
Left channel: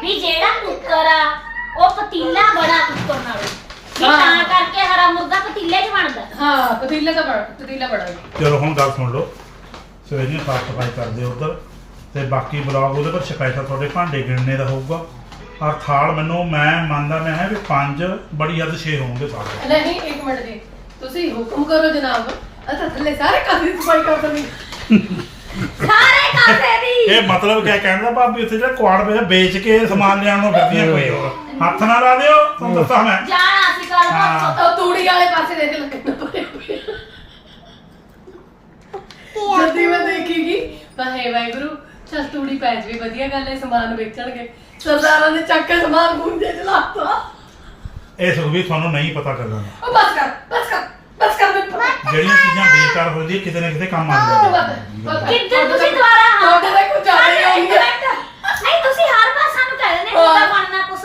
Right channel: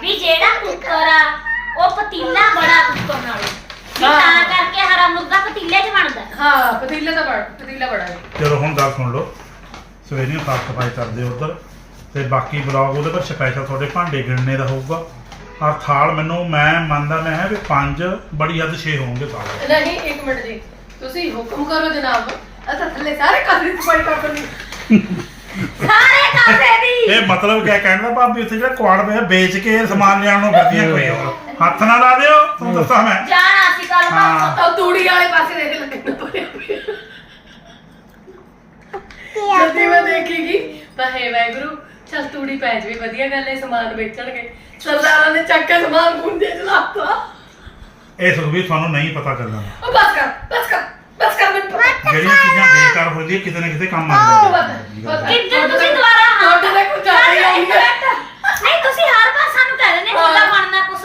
ਵੀ ਜਿਹੜਾ ਕੁੱਕਰ ਆ ਉਹ ਪਤੀਲਾ ਬੜਾ ਕੁੱਕਰ ਨਾਲੋਂ। ਵੀ ਹਾਂ। ਤਾਂ ਕਰਕੇ ਹਰਾ ਮੁਰਗਾ ਪਤੀਲੇ 'ਚ ਬਣਦਾ। ਹਾਂ ਪਤੀਲਾ ਤਾਂ ਬੜਾ ਪਤੀਲਾ ਬੜਾ ਹੈ। ਚਲੋ ਹੁਣ ਗੱਲ ਸੁਣ ਲਓ। ਸਵੇਰੇ ਨੂੰ ਸਾਫ਼ ਸਫ਼ਾਈ ਕਰਦੇ ਉਧਰ। ਤੇ ਬਾਕੀ ਬਲੌਗ ਉਹਦੇ ਪਰ ਸਪੈਸ਼ਲ ਤੁਹਾਡੇ ਭਾਂਡੇ ਗਿਣਨੇ ਦਾ ਹੋਊਗਾ। ਔਰ ਥਾਲ ਮੈਨੂੰ ਮੈਂ ਮੰਨਦਾ ਮੈਂ ਹੈ ਵੀ ਪੰਜ ਬੜੀ ਹੱਦ 6 ਹੋਣਗੇ ਥਾਲ ਨਹੀਂ ਇੱਕ ਮਿੰਟ ਜੀ। ਤੁਸੀਂ ਹੁਕਮ ਕਰੋ ਜਨਾਬ। ਅਸਾਂ ਥੱਲੇ ਸਾਰੇ ਘਰ ਦੀ ਸਫ਼ਾਈ ਕਰ ਦੇਣੀ ਸਾਰੇ ਕਾਸੇ ਦੀ ਇਹ ਮਤਲਬ ਕਿਆ ਕਹਿੰਦਾ ਭਾਬੀ ਉੱਥੇ ਜਿਹੜਾ ਕੁਆੜ ਪਿਆ ਵੇਚ ਕੇ ਸਮਾਨ ਲਿਆਉਣ ਨੂੰ ਫਿਰਦੀਆਂ ਕੋਈ ਹੋਰ। ਹੱਥ ਨਾ ਲਾ ਦਿਓ ਤੁਹਾਨੂੰ ਦੱਸਾਂ ਮੈਂ। ਜਾਣਾ ਸੀ ਕੱਲ ਹਾਂ। ਉਹ ਤੂੜੀ ਵਾਲੇ ਪਾਸੇ ਦੇਖ ਲੱਗਣਾ ਜਦੀ ਮੈਂ ਦੇਖੀਗੀ ਤਾਂ ਹੈ ਵਾਹਿਗੁਰੂ ਚਲ ਤੂੜੀ ਪੈ ਜਵੇ ਵਧੀਆ ਗੱਲ ਹੈ ਸਮਾਨ ਵੇਚਣਗੇ। ਸਰਦਾਰਾਂ ਨੇ ਚੱਕ ਕੇ ਸਮਾਨ ਗੁੰਦੇ ਚ ਲਾਤਾ ਇਹ ਸੁਖਵੀਰ ਤੁਹਾਨੂੰ ਨਹੀਂ ਪਤਾ ਚੱਲਣਾ। ਉਹ ਬਸ ਕਰ ਬਸ ਕਰ। ਬਸ ਕਰ ਦੇ ਜਿਹੜੀਆਂ ਚੀਜ਼ਾਂ ਬੇਕਾਰ ਹੋ ਜਾਂਦੀਆਂ ਕਿਤੇ ਨਾ ਕਿਤੇ ਕੰਮ ਆਉਂਦੀਆਂ ਬਸ। ਬਸ। ਕਿੱਦਾਂ ਤੁਸੀਂ ਦੁਬਾਰਾ ਹਾਂ। ਤੁਹਾਡੇ ਤੇ ਕੁਝ ਜ਼ਿਆਦਾ ਹੀ ਆਉਂਦਾ ਨਹੀਂ ਤੁਸੀਂ ਹਰ ਵਾਰ ਸਾਨੂੰ ਕਹਿ ਦਿੰਦੇ ਹਾਂ। ਕਿੱਦਾਂ ਬਣਨਾ ਕੁਛ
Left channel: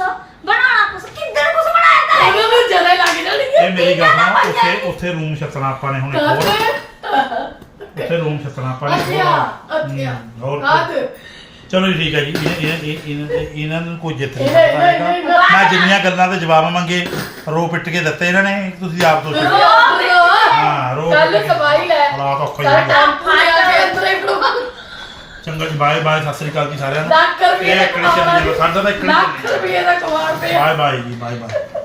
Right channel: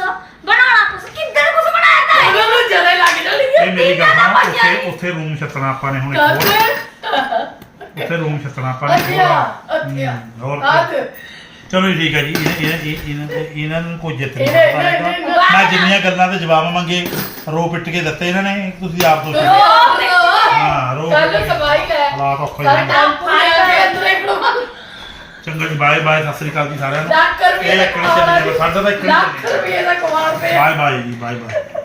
ਬਣਾਉਣਾ ਕੁਛ ਕਿੱਦਾਂ ਕੁਛ ਬਣਾਇਆ ਤਾਂ ਹੈ? ਉਹਨਾਂ ਨੂੰ ਜਦੇ ਲੱਗ ਜਾਣੀ ਇਹ ਮੇਰੀ ਗੱਲ ਸੁਣੋ ਉੱਥੇ ਉੱਥੇ ਰੂਮ ਛੱਤਣਾ ਆਪਾਂ ਨੇ ਹੁਣ ਇੱਕ ਹੋਰ। ਉੱਥੇ ਰੂਮ ਛੱਤਣਾ ਆਪਾਂ ਨੇ ਇੱਕ ਅੱਛਾ ਹੋਰ। ਅੱਛਾ। ਹਮ, ਹੋਰ ਹੱਥ ਚਲੋ ਜੀ, ਠੀਕ ਹੈ ਜੀ ਇਹ- ਇਹ- ਇਹ- ਇਹਨਾਂ ਇਹਨਾਂ ਨੂੰ ਕੋਈ ਜਿੱਤ ਨਹੀਂ ਸਕਦਾ ਹੈਗਾ। ਮੈਂ ਜਿੰਨੀਆਂ ਗੱਲਾਂ ਦੇ ਜਵਾਬ ਮੰਗੇ ਰੋ ਪਿੱਟ ਕੇ ਦਿੱਤੇ ਇਹਨਾਂ ਨੇ ਤੁਸੀਂ ਆਪ ਤੋਂ ਹਾਂ, ਰੋ- ਚੱਲ ਸਫ਼ਾਈ ਲੈ। ਰਾਤ ਔਖਾ ਸਾਰੇ ਜਾਂਦਾ। ਟੈਂਪੂ ਲਿਆ ਕੇ ਅੰਦਰ ਹੀ ਖੜਵਾ ਚੰਗਾ ਜੀ ਬਾਏ ਬਾਏ ਸਤਿ ਸ੍ਰੀ ਅਕਾਲ ਜੀ ਸਾਰਿਆਂ ਨੂੰ। ਲੱਖ ਰੁਪਏ ਇਹ ਦਾ ਇੱਕ ਨਹੀਂ ਚੱਲਣਾ, ਸਾਡਾ ਤਾਂ ਇੱਕ ਨਹੀਂ ਲੱਖ ਚੱਲਣਾ। ਰੁਪਏ ਦਾ ਕਮਾਲ ਪਿਆ। ਬਾਏ ਬਾਏ ਜੀ ਬਾਏ ਬਾਏ।